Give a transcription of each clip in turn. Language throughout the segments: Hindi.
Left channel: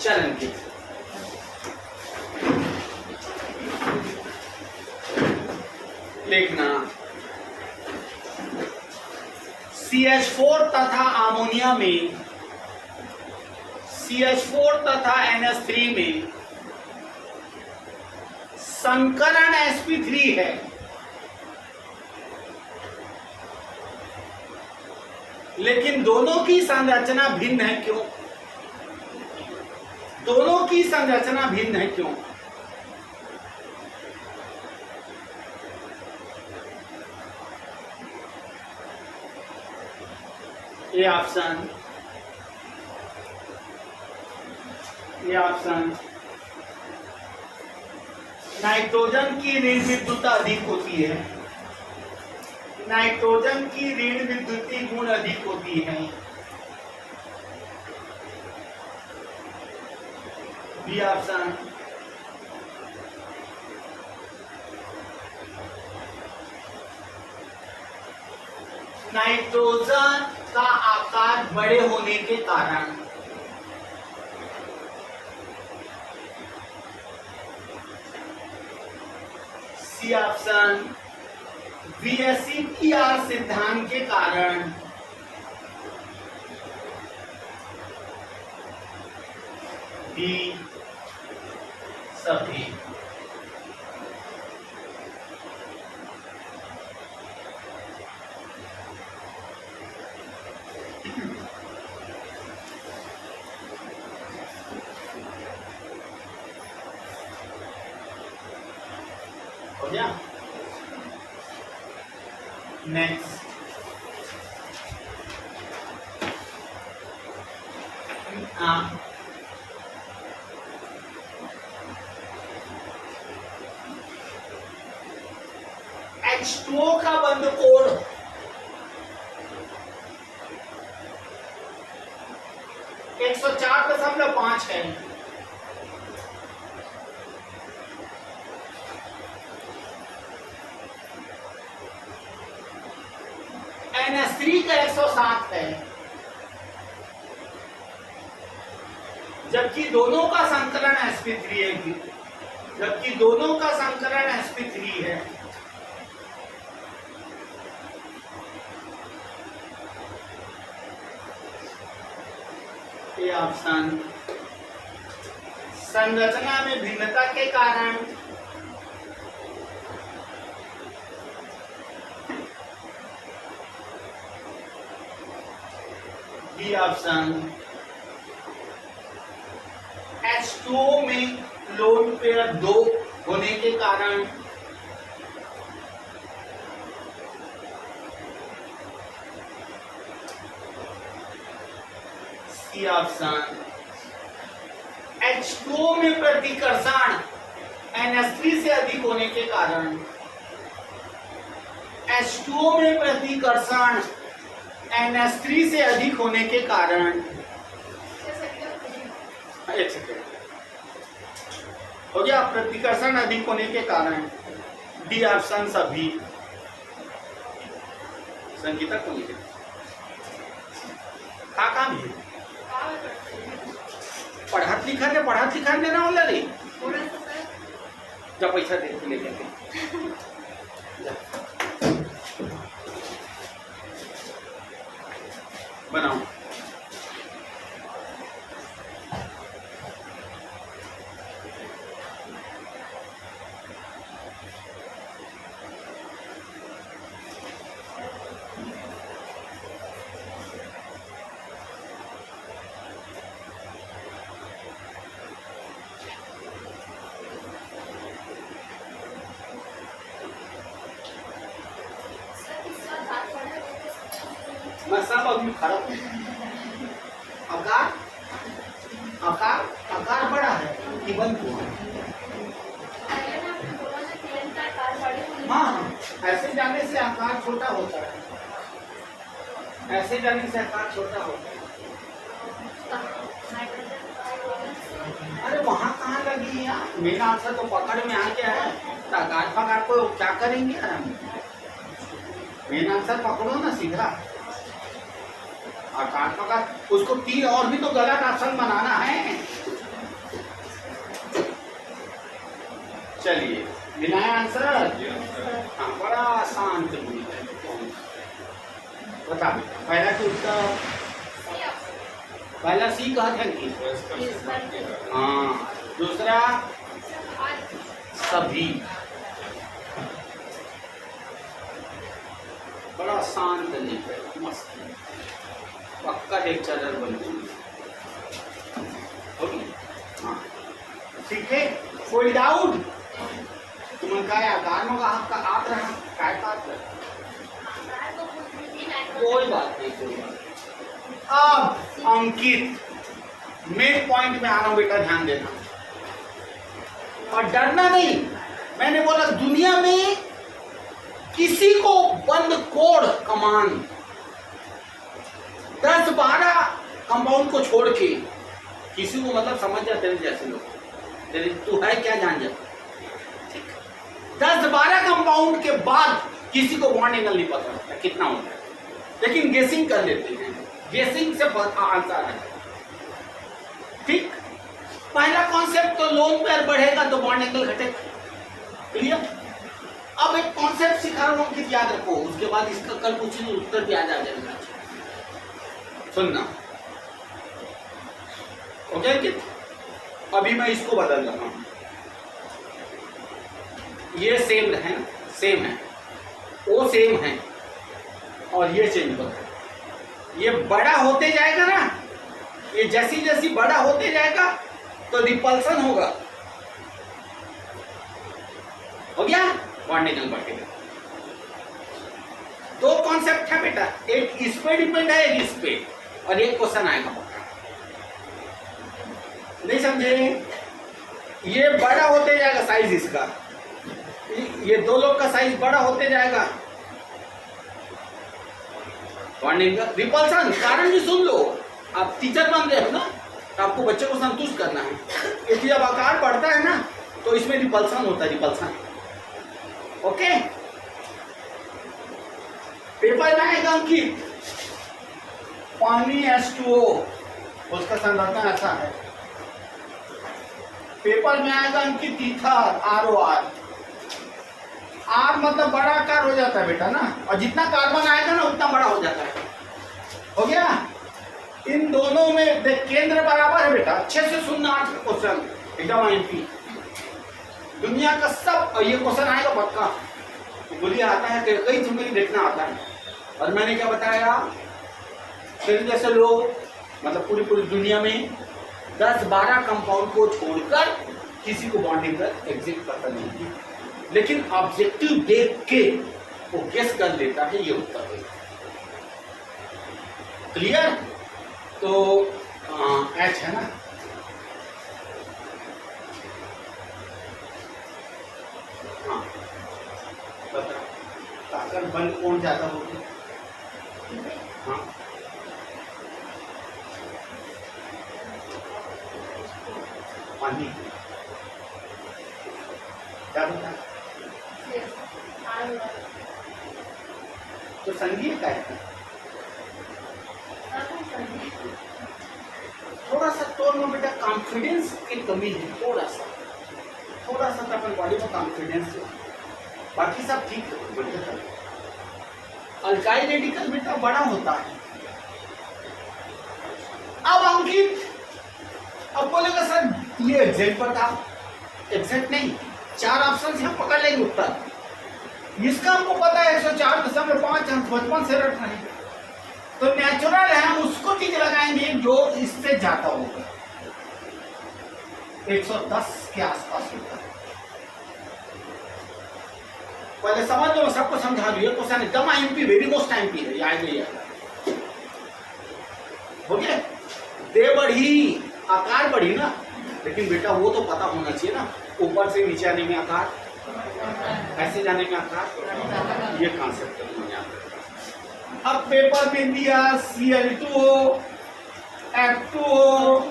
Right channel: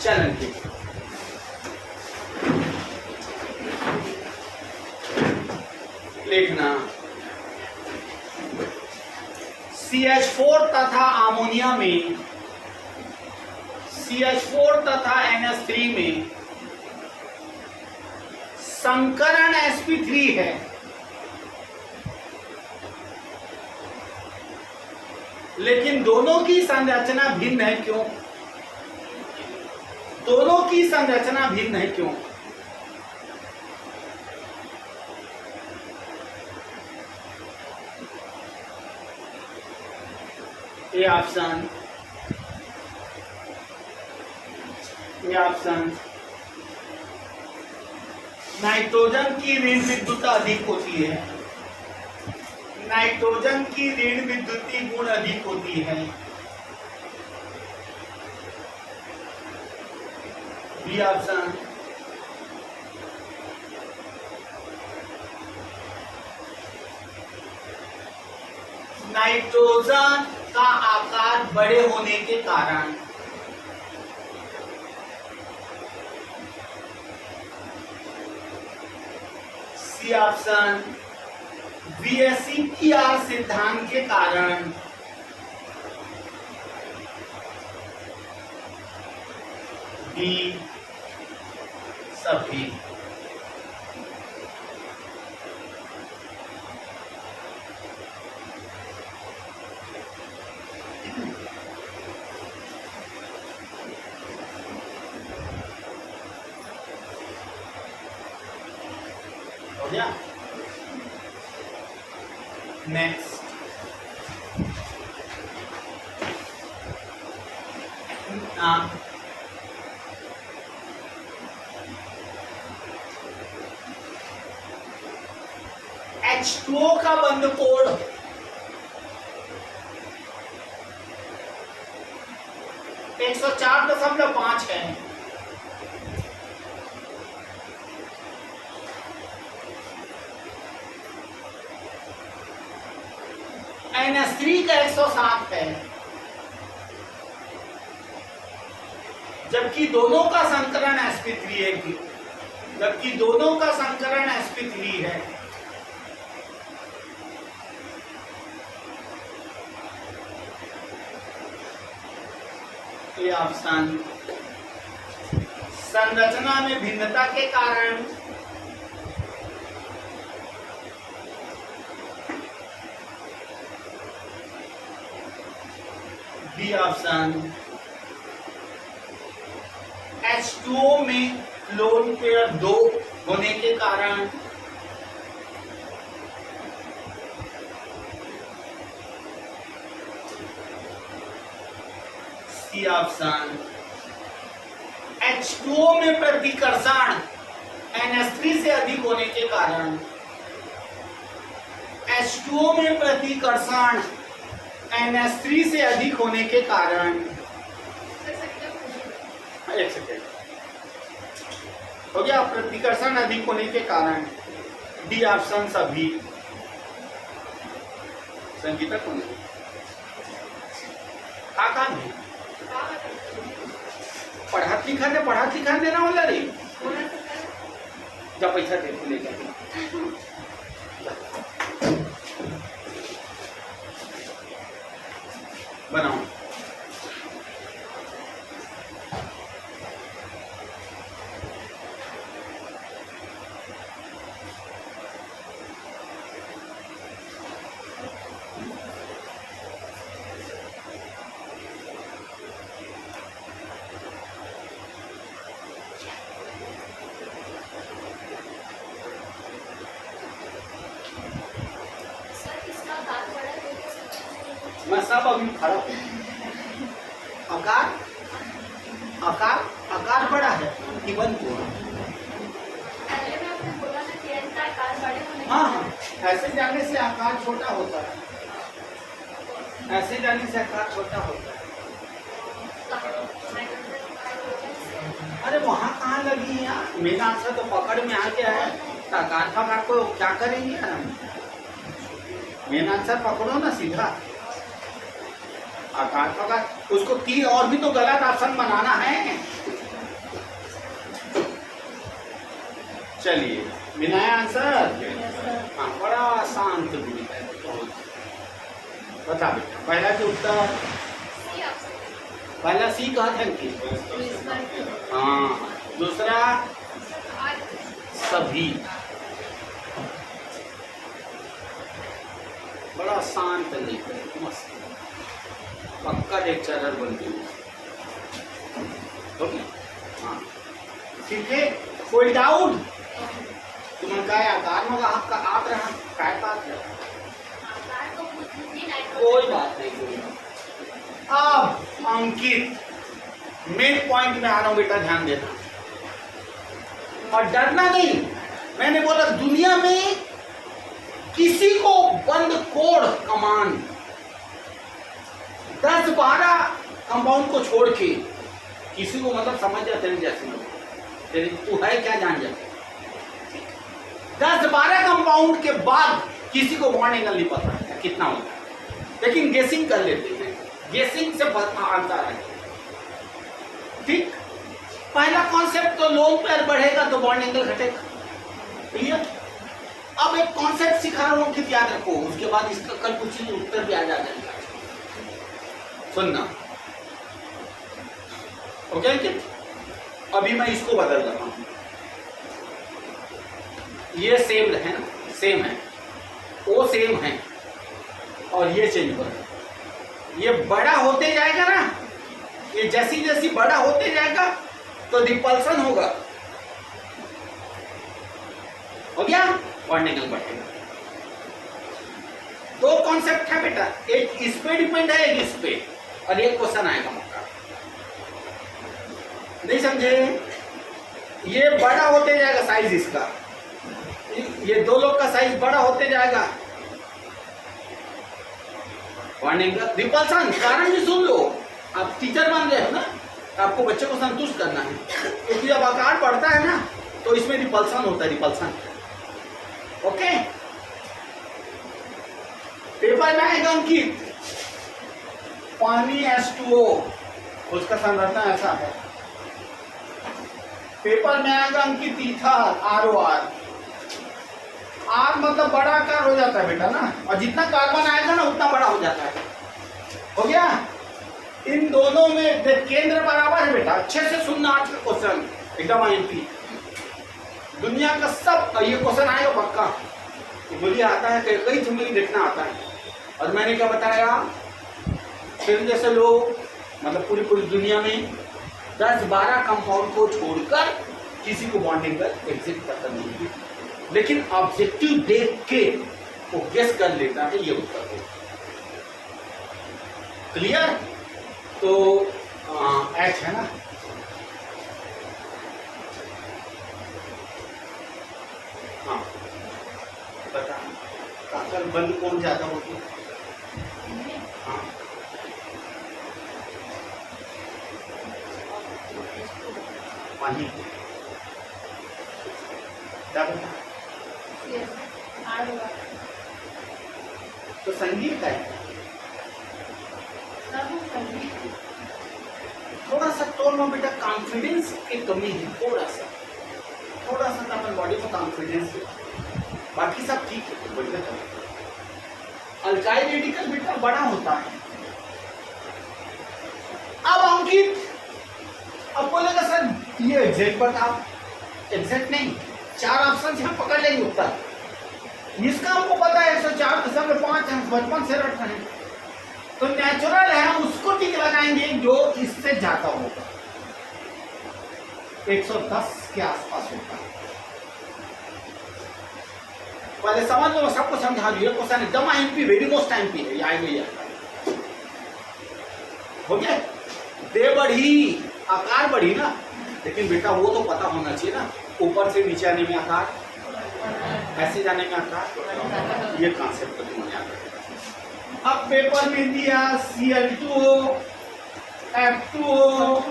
चलन के। लिखना CH4 तथा अमोनिया में, CH4 तथा NH3 में संकरण sp3 है, लेकिन दोनों की संरचना भिन्न है। क्यों? दोनों की संरचना भिन्न है क्यों? ये ऑप्शन नाइट्रोजन की ऋण विद्युता अधिक होती है, नाइट्रोजन की ऋण विद्युतीय गुण अधिक होती है। बी ऑप्शन नाइट्रोजन का आकार बड़े होने के कारण, सी ऑप्शन VSEPR सिद्धांत के कारण, डी सभी। हो गया? नेक्स्ट H2O का बंध कोण 104.5 है। NH3 का 107 है, जबकि दोनों का संकरण sp3 है, जबकि दोनों का संकरण sp3 है। ये ऑप्शन संरचना में भिन्नता के कारण, बी ऑप्शन H2O में लोन पेयर 2 होने के कारण, सी ऑप्शन H2O में प्रतिकर्षण NH3 से अधिक होने के कारण, H2O में प्रतिकर्षण NH3 से अधिक होने के कारण। एक सेकेंड, हो गया? प्रतिकर्षण अधिक होने के कारण, डी ऑप्शन सभी। संगीतक होने के का नहीं पढ़ात लिखा देना होला रे। जब पैसा दे ले जाके बनाओ। मैं सब अभी खड़ा हूँ। आकार बड़ा है कि बंद हुआ? हाँ, ऐसे जाने से आकार छोटा होता है, ऐसे जाने से आकार छोटा होता है। अरे वहाँ कहाँ लगी है यार? मेरा आंसर तो पकड़ में आ गया है, आकार फकार को क्या करेंगे यार हम? मेरा आंसर पकड़ो ना सीधा। आकार पकार उसको तीन और भी तो गलत ऑप्शन बनाना है। चलिए मिला है आंसर। हाँ, बड़ा आसान तो बता बेटा, पहला के उत्तर पहला सी कहा था कि हाँ, दूसरा सभी, बड़ा आसान तरीका है, मस्त पक्का लेक्चरर बन गई। ओके हाँ ठीक है। फोल्ड आउट तुम्हें काय आकार में आपका आप रहा काय बात है, कोई बात नहीं कोई बात। अब अंकित मेन पॉइंट में आ रहा हूं बेटा, ध्यान देना और डरना नहीं। मैंने बोला दुनिया में किसी को बंद कोड कमांड 10-12 कंपाउंड को छोड़ के किसी को, मतलब समझ जाते हैं जैसे लोग, तेरे तू है क्या जान जाते, 10-12 कंपाउंड के बाद किसी को बॉन्ड एंगल नहीं पता है कितना होता है, लेकिन गेसिंग कर लेते हैं, गेसिंग से आंसर आ जाए। ठीक, पहला कॉन्सेप्ट तो लोन पेयर बढ़ेगा तो बॉन्ड एंगल घटेगा, क्लियर। अब एक कॉन्सेप्ट सिखा रहा हूं कि याद रखो, उसके बाद इसका कल पूछे तो उत्तर भी आ जाएगा। सुनना ओके कि अभी मैं इसको बदल रहा हूं, ये सेम है ना, सेम है, वो सेम है और ये चेंज है। ये बड़ा होते जाएगा ना, ये जैसी जैसी बड़ा होते जाएगा तो रिपल्सन होगा, हो गया, बॉन्ड एंगल बढ़ेगा। दो कॉन्सेप्ट है बेटा, एक इस पे डिपेंड है, एक इस पे, और एक क्वेश्चन आएगा पक्का, नहीं समझे। ये बड़ा होते जाएगा साइज इसका, ये दो लोग का साइज बड़ा होते जाएगा, बॉन्ड एंगल रिपल्सन। कारण भी सुन लो, आप टीचर बन रहे हो ना, तो आपको बच्चे को संतुष्ट करना है, क्योंकि जब आकार बढ़ता है ना तो इसमें रिपल्सन होता है, रिपल्सन। ओके, पेपर में आएगा अंकित पानी H2O, उसका संरचना ऐसा है। पेपर में आएगा अंकित ईथर ROR, R मतलब बड़ा आकार हो जाता है बेटा ना, और जितना कार्बन आएगा ना उतना बड़ा हो जाता है, हो गया। इन दोनों में केंद्र बराबर है बेटा, अच्छे से सुनना आज का क्वेश्चन एकदम आईएमपी। दुनिया का सब, ये क्वेश्चन आएगा पक्का, मुझे आता है कई तुम्हें देखना आता है। और मैंने क्या बताया, फिर जैसे लोग, मतलब पूरी पूरी दुनिया में 10-12 कंपाउंड को छोड़कर किसी को बॉन्ड एंगल एग्जिट पता नहीं है, लेकिन ऑब्जेक्टिव देख के वो गेस कर लेता है ये उत्तर है। क्लियर। तो H है ना, हाँ बता, काकल बंद कौन ज्यादा होगी, हाँ पानी क्या बता, तो संगीत है थोड़ा सा तो में बेटा कॉन्फिडेंस की कमी है, थोड़ा सा तो अपन बॉडी में कॉन्फिडेंस, बाकी सब ठीक है बोलते चलो। अल्काइल रेडिकल बेटा बड़ा होता है। अब अंकित अब बोलेगा सर ये एग्जैक्ट बताओ, एग्जैक्ट नहीं, 4 ऑप्शन से हम पकड़ लेंगे उत्तर, इसका हमको पता है 104.5 अंक बचपन से रट रहे हैं, तो नेचुरल है हम उसको टिक लगाएंगे जो इससे ज्यादा होगा, 110 के आसपास होगा। पहले समझ लो, सबको समझा लो, क्वेश्चन एकदम आईएमपी, वेरी मोस्ट आईएमपी है, याद नहीं आता। हो गया, दे बढ़ी, आकार बढ़ी ना, लेकिन बेटा वो तो पता होना चाहिए ना, ऊपर से नीचे आने में आकार, ऐसे जाने में आकार, ये कॉन्सेप्ट तो तुम्हें याद रखेगा। अब पेपर में दिया Cl2O, F2O,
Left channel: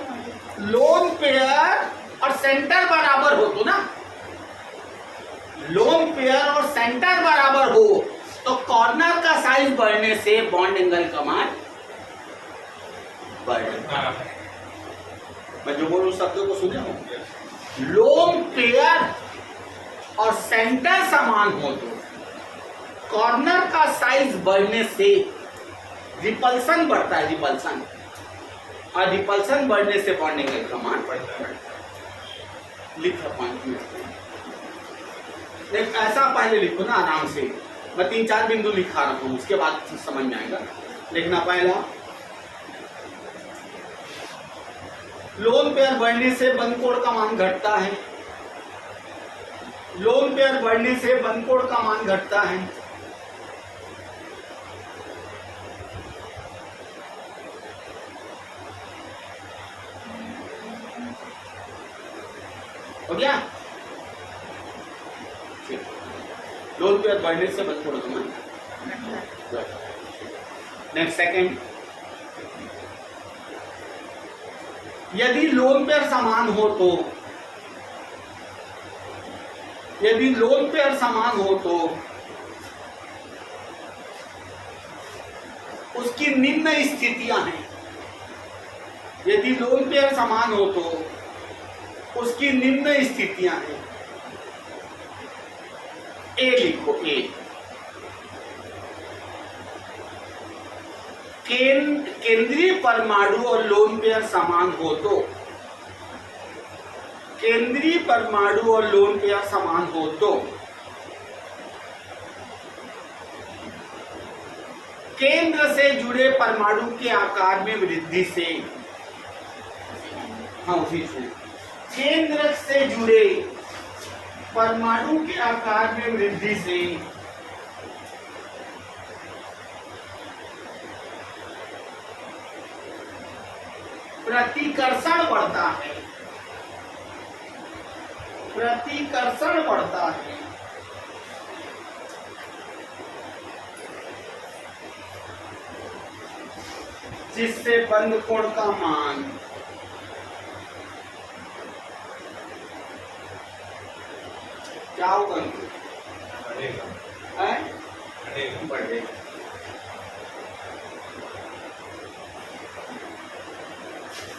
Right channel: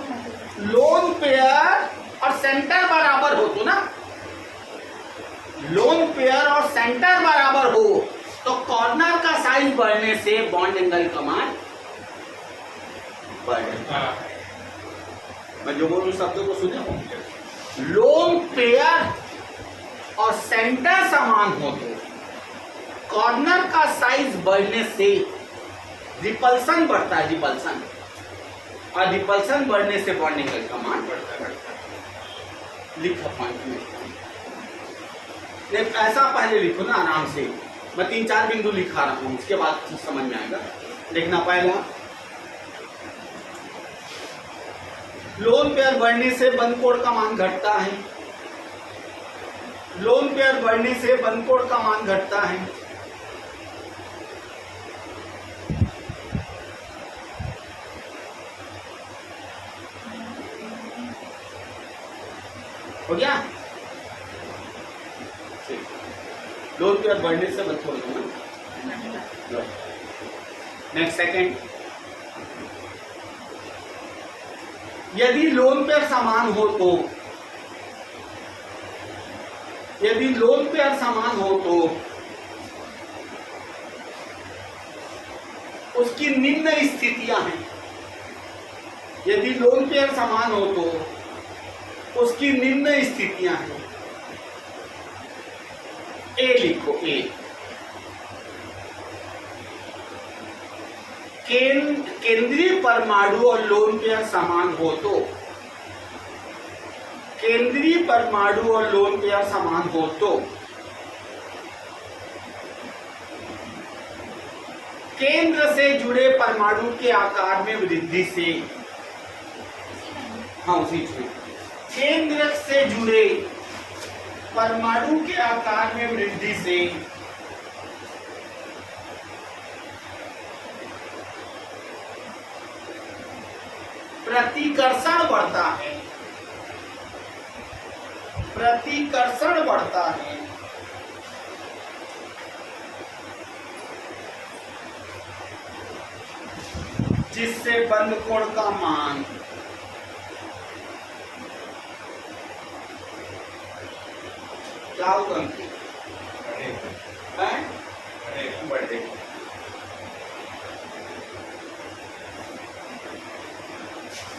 लोन पेयर और सेंटर बराबर हो तो ना, लोन पेयर और सेंटर बराबर हो तो कॉर्नर का साइज बढ़ने से बॉन्ड एंगल का मान बढ़ेगा। मैं जो बोलूं शब्दों को सुने हो, लोन पेयर और सेंटर समान हो तो कॉर्नर का साइज बढ़ने से रिपल्सन बढ़ता है, रिपल्सन, और रिपल्सन बढ़ने से बॉन्डिंग एंगल का मान बढ़ता है। लिखा पॉइंट में ऐसा पहले लिखो ना आराम से, मैं 3-4 बिंदु लिखा रहा हूं, उसके बाद समझ में आएगा। देखना, पहला लोन पेयर बढ़ने से बंद कोण का मान घटता है, लोन पेयर बढ़ने से बंद कोण का मान घटता है। हो गया? लोन पेयर बढ़ने से बंद कोण का मान। नेक्स्ट सेकंड, यदि लोन पेयर समान हो तो, यदि लोन पेयर समान हो तो उसकी निम्न स्थितियां हैं, यदि लोन पेयर समान हो तो उसकी निम्न स्थितियां हैं। ए लिखो, ए केंद्रीय परमाणु और लोन पेयर समान हो तो, केंद्रीय परमाणु और लोन पेयर समान हो तो केंद्र से जुड़े परमाणु के आकार में वृद्धि से, हाँ उसी से, केंद्र से जुड़े परमाणु के आकार में वृद्धि से प्रतिकर्षण बढ़ता है, प्रतिकर्षण बढ़ता है। जिससे बंद कोण का मान क्या होगा? बढ़ेगा।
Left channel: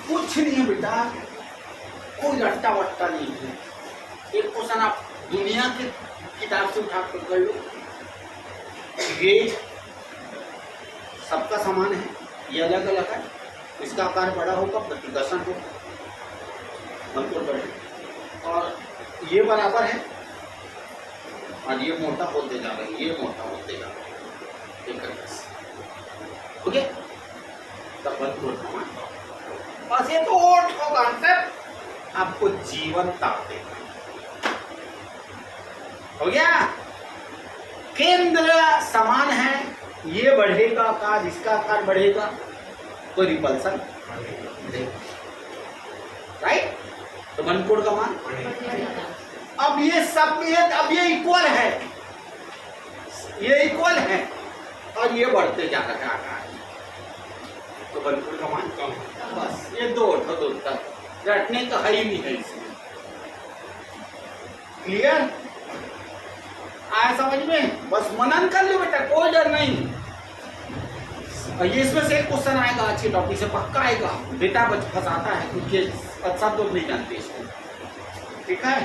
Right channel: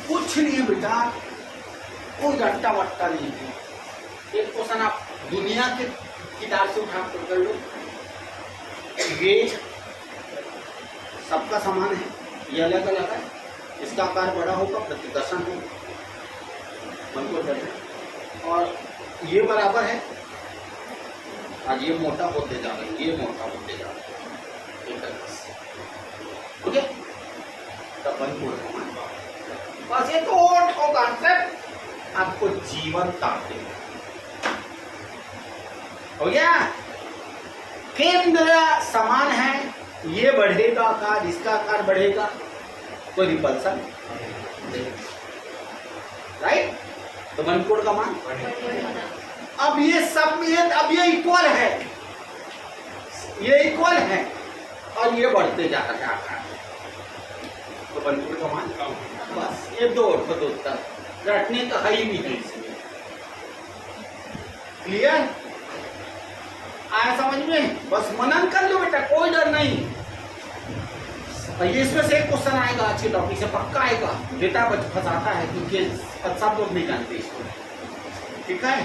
कुछ नहीं है बेटा, कोई रट्टा वट्टा नहीं है। एक क्वेश्चन आप दुनिया के किताब से उठा कर लो, ये सबका समान है, ये अलग अलग है, इसका आकार बड़ा होगा, प्रतिकर्षण होगा, बिल्कुल बढ़ेगा, और ये बराबर है, आज ये मोटा होते जा रहे हैं, ये मोटा होते जा रहे हैं, ओके, तब बंद कोण का मान। बस ये तो कॉन्सेप्ट आपको जीवन ताप देगा। हो गया? केंद्र समान है, ये बढ़ेगा आकार, इसका आकार बढ़ेगा, तो रिपल्सन, राइट? तो बंद कोण का मान। अब ये सब, अब ये इक्वल है, ये इक्वल है, और ये बढ़ते जा रहा है आकार, तो बंद कोण का मान। बस ये दो उत्तर, रटने का है ही नहीं है इसमें। क्लियर? आया समझ में? बस मनन कर लो बेटा, कोई डर नहीं। ये इसमें से एक क्वेश्चन आएगा अच्छे टॉपिक से, पक्का आएगा। डेटा फंसाता है क्योंकि सब लोग नहीं जानते इसको, ठीक है?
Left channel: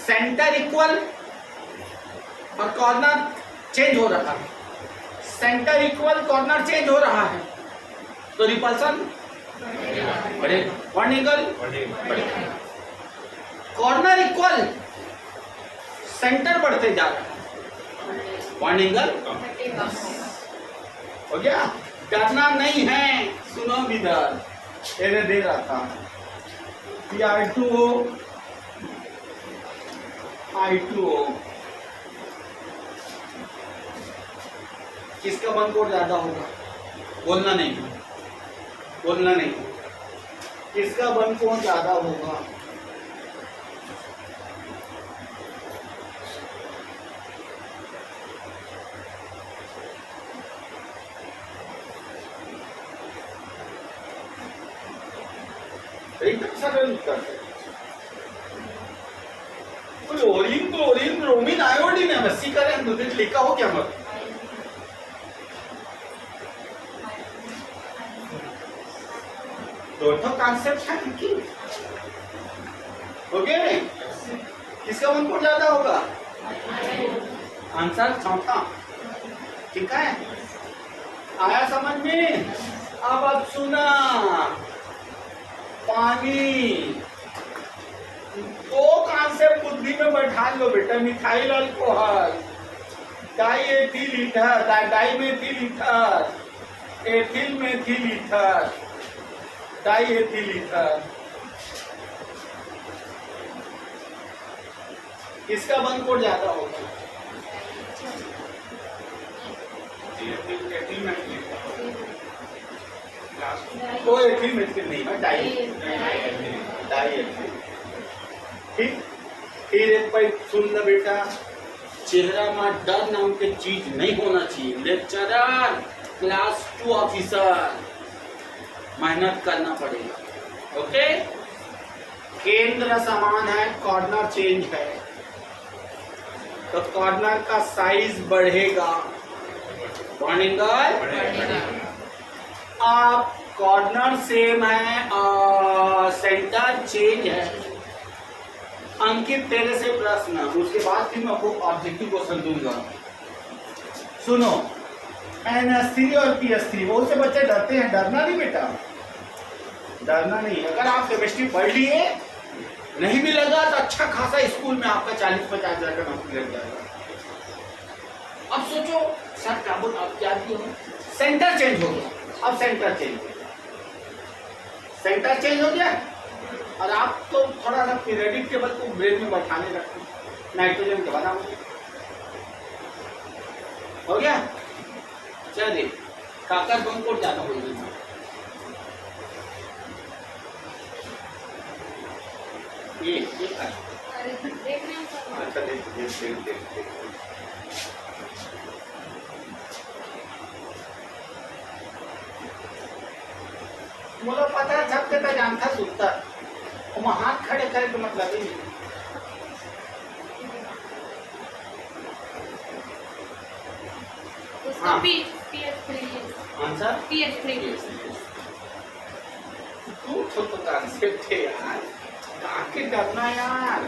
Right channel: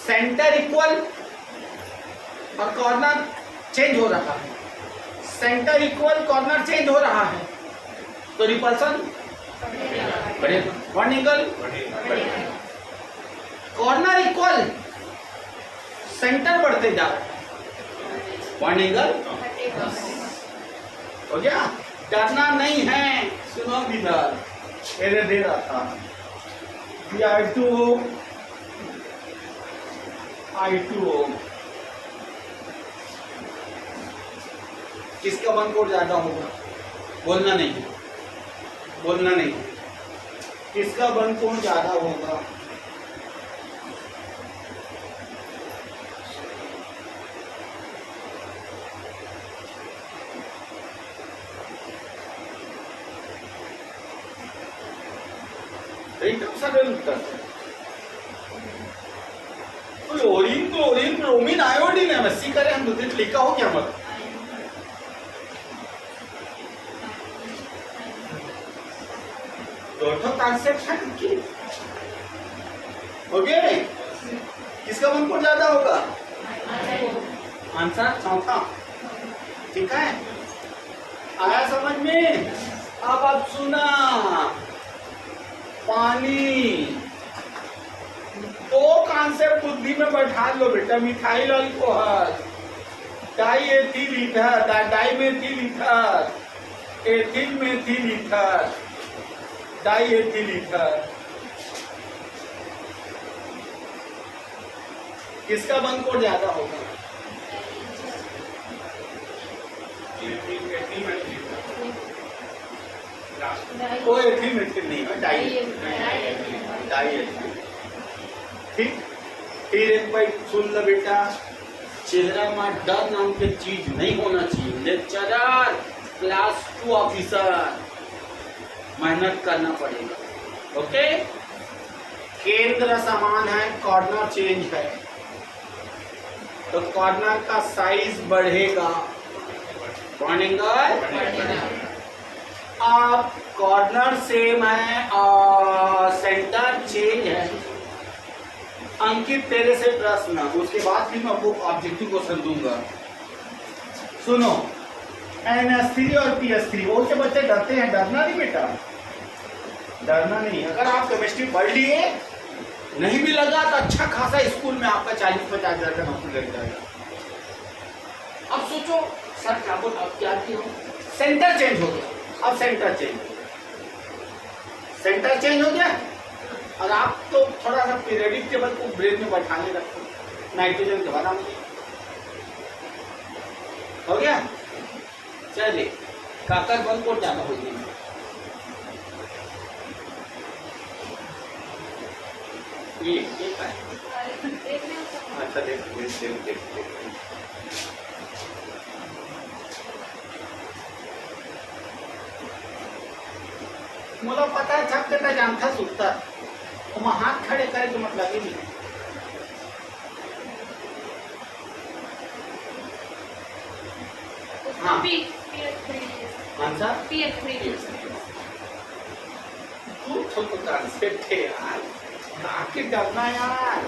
सेंटर इक्वल और कॉर्नर चेंज हो रहा है, सेंटर इक्वल कॉर्नर चेंज हो रहा है, तो रिपल्सन बढ़ेगा, बॉन्डिंग एंगल बढ़ेगा। कॉर्नर इक्वल, सेंटर बढ़ते जा रहा है, बॉन्डिंग एंगल हो गया। डरना नहीं है, सुनो इधर, इधर दे रहा था I2O, I2O, किसका बंद कोण ज्यादा होगा? बोलना नहीं, बोलना नहीं, किसका बंद कोण ज्यादा होगा? एकदम सरल उत्तर है। क्लोरीन, क्लोरीन, ब्रोमीन, आयोडीन है, मस्सी करें तो लिखा हो क्या मत? दो कॉन्सेप्ट है कि ओके, किसका वन कोड ज्यादा होगा? आंसर चौथा। ठीक है, आया समझ में? अब आप सुना, पानी दो कॉन्सेप्ट बुद्धि में बैठा लो बेटा। Methyl alcohol, diethyl ether, dimethyl ether, ethyl methyl ether, diethyl ether. किसका वन कोड ज्यादा होगा? वो एथिल मेथिल नहीं है, डाई एथिल। ठीक, फिर एक बार सुन लो बेटा, चेहरा में डर नाम के चीज नहीं होना चाहिए। लेक्चरर, क्लास 2 ऑफिसर, मेहनत करना पड़ेगा। ओके, केंद्र समान है, कॉर्नर चेंज है, तो कॉर्नर का साइज बढ़ेगा, बढ़ेगा। आप कॉर्नर सेम है और सेंटर चेंज है। अंकित तेरे से प्रश्न, उसके बाद भी मैं आपको ऑब्जेक्टिव क्वेश्चन दूंगा। सुनो, NH3 और PS3, बहुत से बच्चे डरते हैं। डरना नहीं बेटा, डरना नहीं। अगर आप केमिस्ट्री पढ़ लिए, नहीं भी लगा तो अच्छा खासा स्कूल में आपका 40-50 हजार का नौकरी लग जाएगा। अब सोचो सर क्या बोल, आप क्या किए हो? सेंटर चेंज हो गया। अब सेंटर चेंज हो गया, और आप तो थोड़ा सा पीरियडिक टेबल को ब्रेन में बैठाने रखो। नाइट्रोजन के बना हो गया। चलिए, काकर वन कोड ज्यादा हो गई। ये है। अच्छा देख। मुला पता छप देता जानता सुनता, वहाँ हाथ खड़े करे तो मतलब ही नहीं। हाँ, आंसर तू तो कॉन्सेप्ट है यार, काके डरना यार।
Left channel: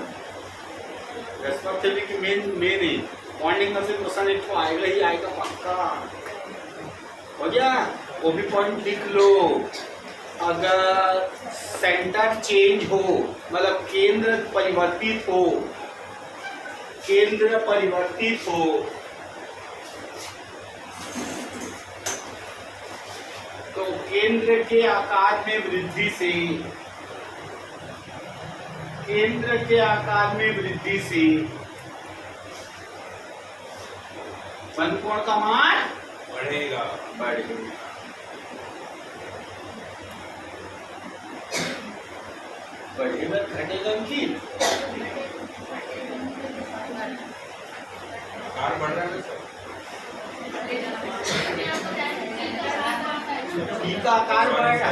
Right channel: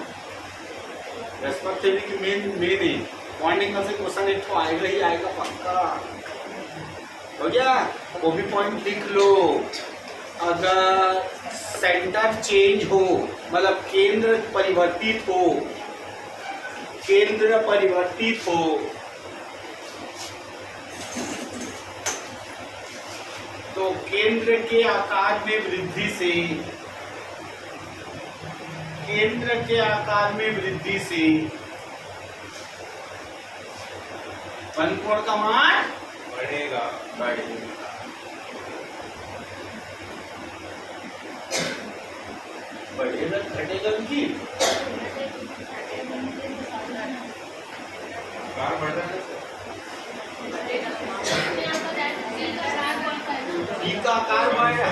रेस्पेक्टिवली की मेन ही पॉइंटिंग में से क्वेश्चन एक तो आएगा ही आएगा पक्का। हो गया, वो भी पॉइंट लिख लो। अगर सेंटर चेंज हो, मतलब केंद्र परिवर्तित हो, तो केंद्र के आकार में वृद्धि से वन कोण का मान बढ़ेगा। बढ़ेगा घटेगा की आकार बढ़ रहा है। ई का आकार बढ़ रहा है।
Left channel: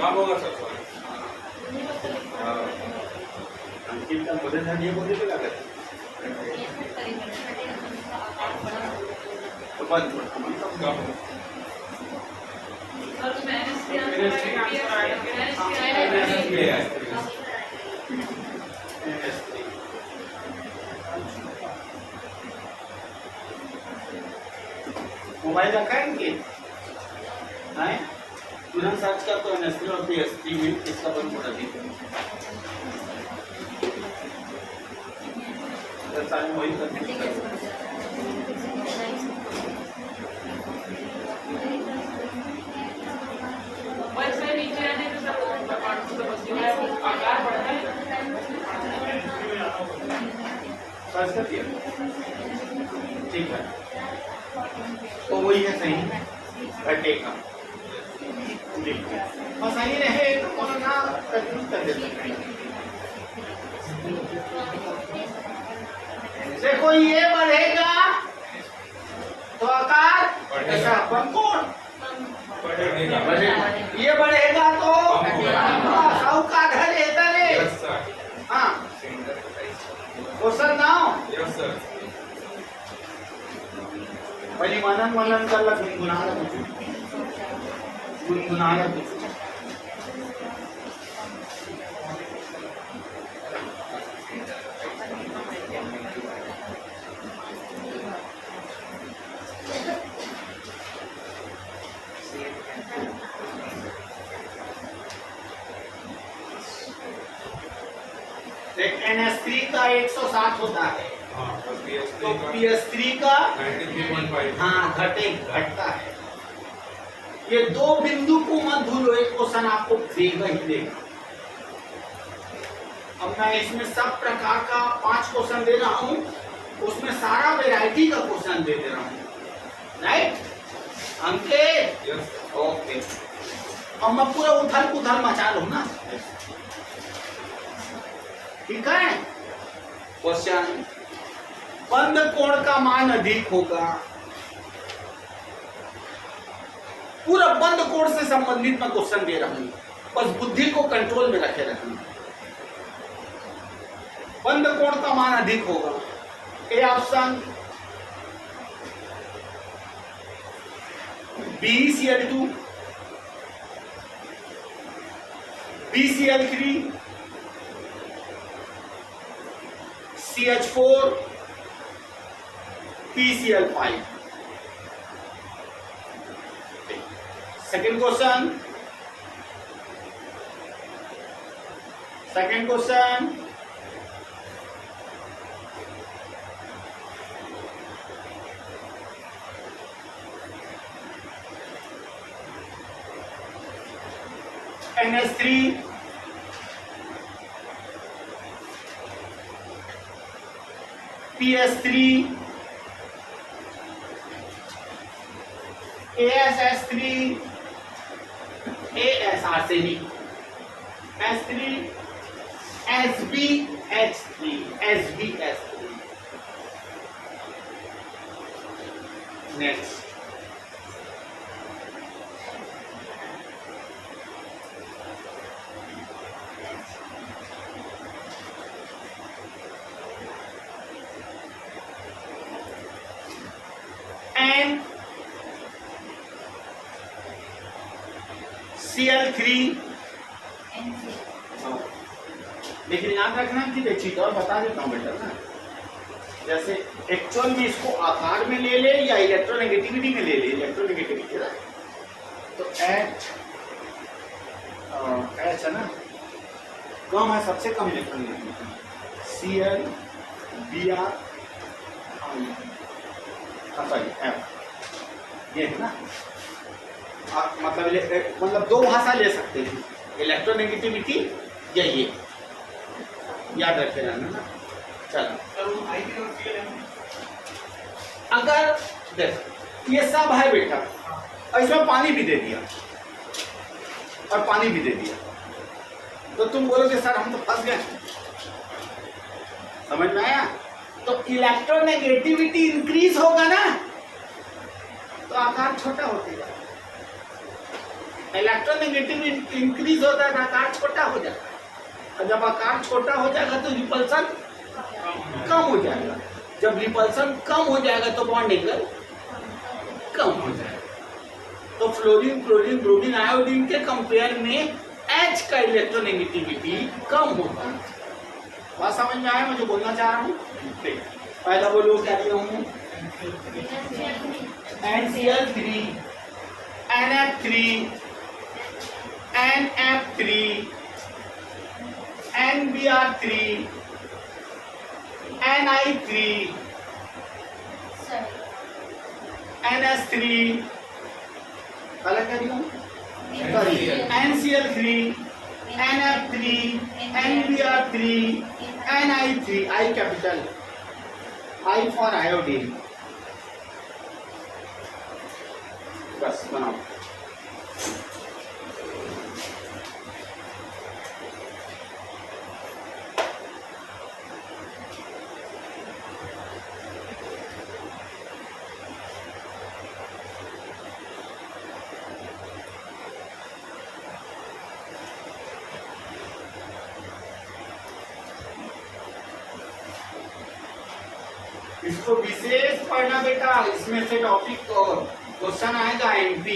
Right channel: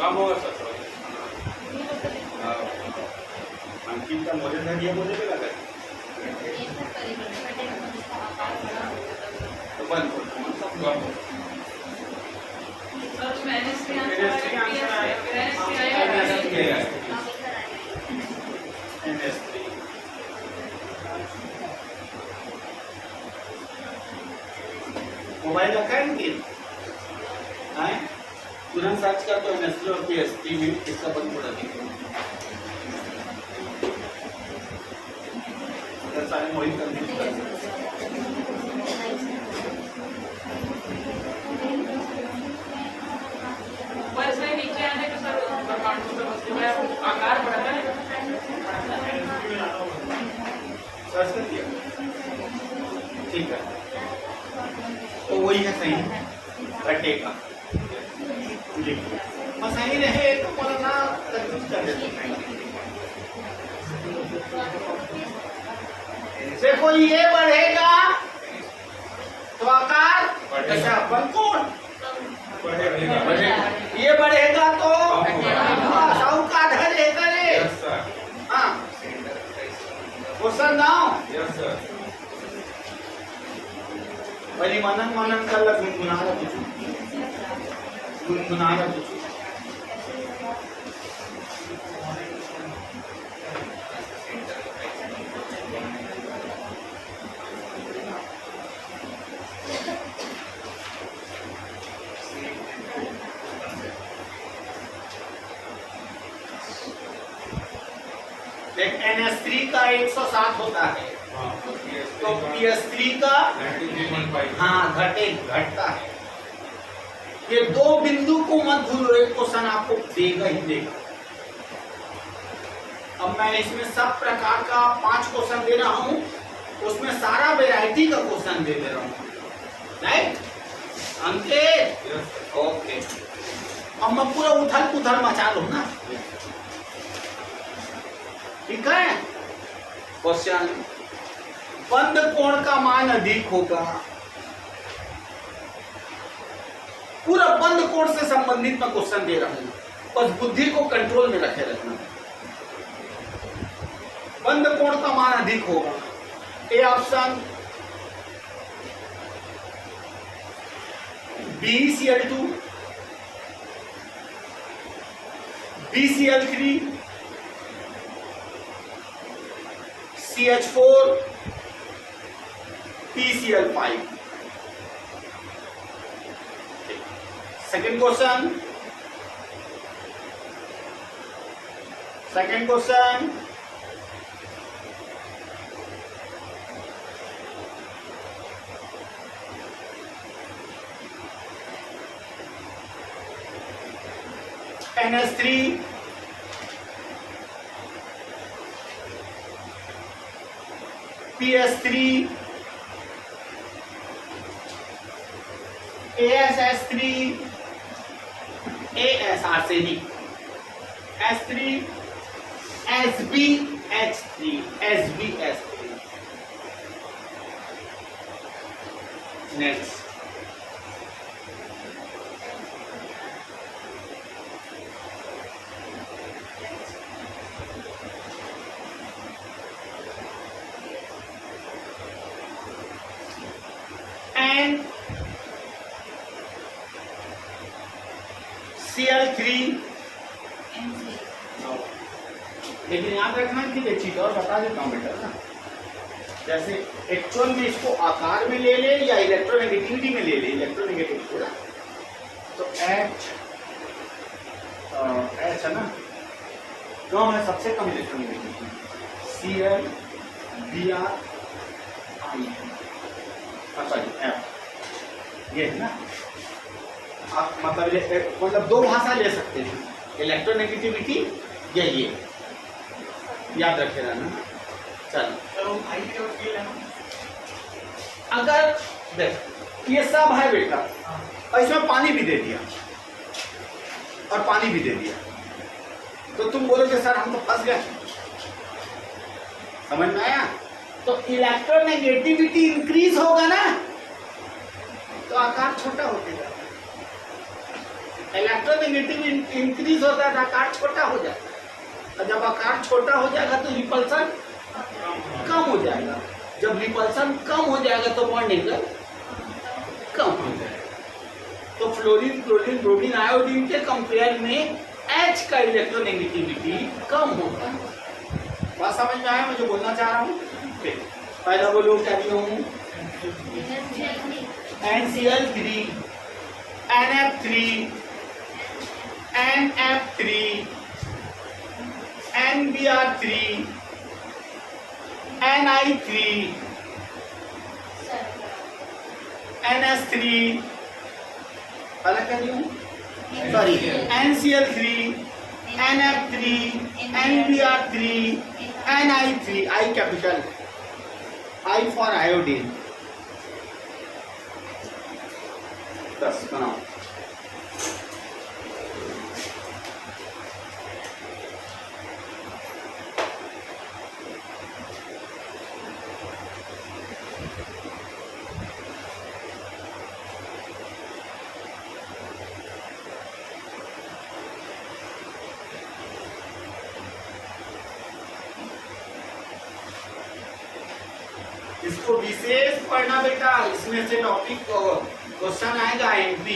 कब होगा सर? अंकित का मुझे था ये बोलने पे लगा तो बंद कब मोबाइल रखा है इनकी? तुरंत सर्च कर तो NH3 और PS3 में इसका बंद कर दीजिए। सारे वही कर नीचे आने के साथ आकार बढ़ता है। सर्च कर दिया, ठीक है, तो वही है सही, घटेगा। बस सही रहे तो बोलना कंफ्यूज कर देते हैं। देखो ये बढ़ेगा तो आकार ऐसा वन कोण बढ़ेगा, ये बढ़ेगा तो साहूकार है। हाँ, क्वेश्चन नाउ मनन कर गुनगुना रहा NH3 का 160 होता है, तो PS3 का 93.5। हाँ घटता है। ये दो बिंदु को मत भूलो, एक क्वेश्चन आपको देगा ही देगा। अब मैं इसमें सब प्रकार का 5 क्वेश्चन दे रहा हूं, उसमें सारा वैरायटी का क्वेश्चन दे रहा हूं, राइट अंकित? ओके, अब मैं पूरा उथल पुथल मचा लूं ना, ठीक है। क्वेश्चन, बंद कोण का मान अधिक होगा, पूरा बंद कोण से संबंधित मैं क्वेश्चन दे रहा हूं, बस बुद्धि को कंट्रोल में रखे रखना। बंद कोण का मान अधिक होगा, A option BeCl2, BeCl3, CH4, PCl5। Second question, NH3, PS3, ASS3, AS arsenic, S3, SbH3, SbH3। Next, NCl3, लेकिन याद रखना कि एक चीज और बता देता हूं बेटा ना, जैसे एक्चुअल में इसको आकार में ले ले या इलेक्ट्रोनेगेटिविटी में ले ले, इलेक्ट्रोनेगेटिविटी ना, तो H है ना, कम है, सबसे कम electronegativity, Cl Br I, sorry F, ये है ना। आप मतलब दो भाषा ले सकते हैं, इलेक्ट्रोनेगेटिविटी या ये, याद रखे रहना ना। चलो, अगर देख ये सब है बेटा, और इसमें पानी भी दे दिया और पानी भी दे दिया, तो तुम बोलोगे सर हम तो फंस गए, समझ में आया? तो इलेक्ट्रोनेगेटिविटी इंक्रीज होगा ना, तो आकार छोटा होते जाएगा। इलेक्ट्रोनेगेटिविटी इंक्रीज होता है तो आकार छोटा हो जाता है, और जब आकार छोटा हो जाएगा तो रिपल्सन कम हो जाएगा, जब रिपल्सन कम हो जाएगा तो बॉन्ड एंगल कम हो जाएगा। तो फ्लोरीन, क्लोरीन, ब्रोमीन, आयोडीन के कंपेयर में H का इलेक्ट्रोनेगेटिविटी कम होता है। बात समझ में आया मैं जो बोलना चाह रहा हूँ? पहला बोलो क्या दिया हूँ, NCl3, NF3, NF3, NBr3, Ni3, NS3, अलग कर रही हूँ, sorry, NCl3, NF3, NBr3, Ni3, I capital, I for iodine. बस बनाओ। इसको विशेष पढ़ना बेटा, इसमें से टॉपिक क्वेश्चन आएगा MP।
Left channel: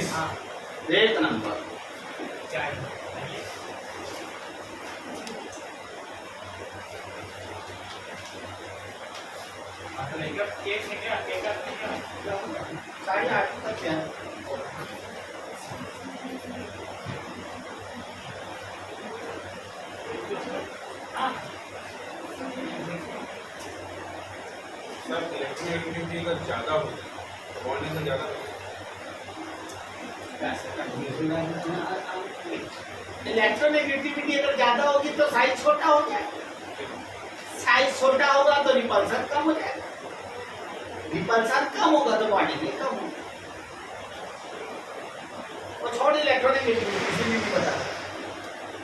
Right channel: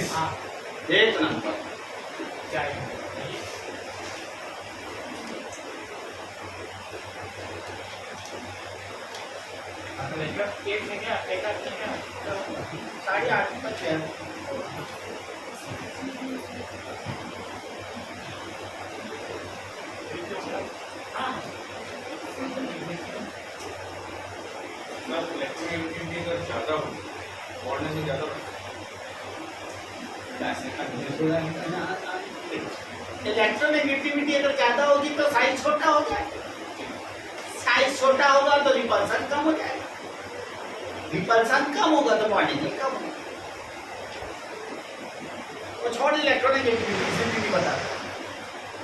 फिनिश। हाँ। एक नंबर। चाय केक निकला, केक निकला 8:30 तक है। हाँ इलेक्ट्रोनेगेटिविटी अगर ज़्यादा हो बढ़ने से ज़्यादा इलेक्ट्रोनेगेटिविटी अगर ज्यादा होगी तो साइज छोटा हो जाएगा, साइज छोटा होगा तो रिपल्सन कम हो जाएगा, रिपल्सन कम होगा तो क्वांटिटी कम होगी। वो छोड़ इलेक्ट्रोनेगेटिविटी से भी बता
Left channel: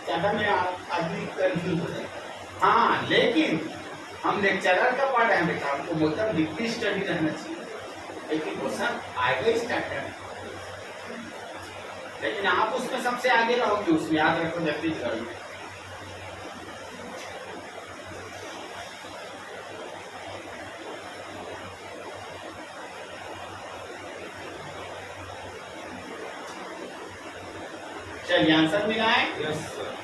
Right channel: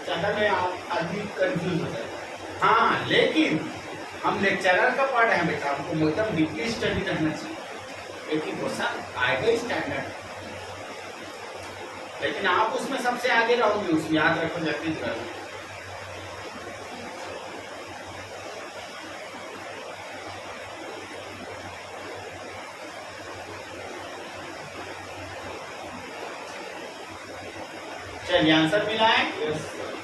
ज्यादा में आदमी कंफ्यूज हो जाएगा। हाँ लेकिन हम लेक्चरर का पार्ट है बेटा, हमको एकदम डीपली स्टडी रहना चाहिए, लेकिन क्वेश्चन आएगा स्टैंडर्ड, लेकिन आप उसमें सबसे आगे रहोगे, उसमें याद रखो जल्दी करोगे। चलिए आंसर मिला है। Yes sir.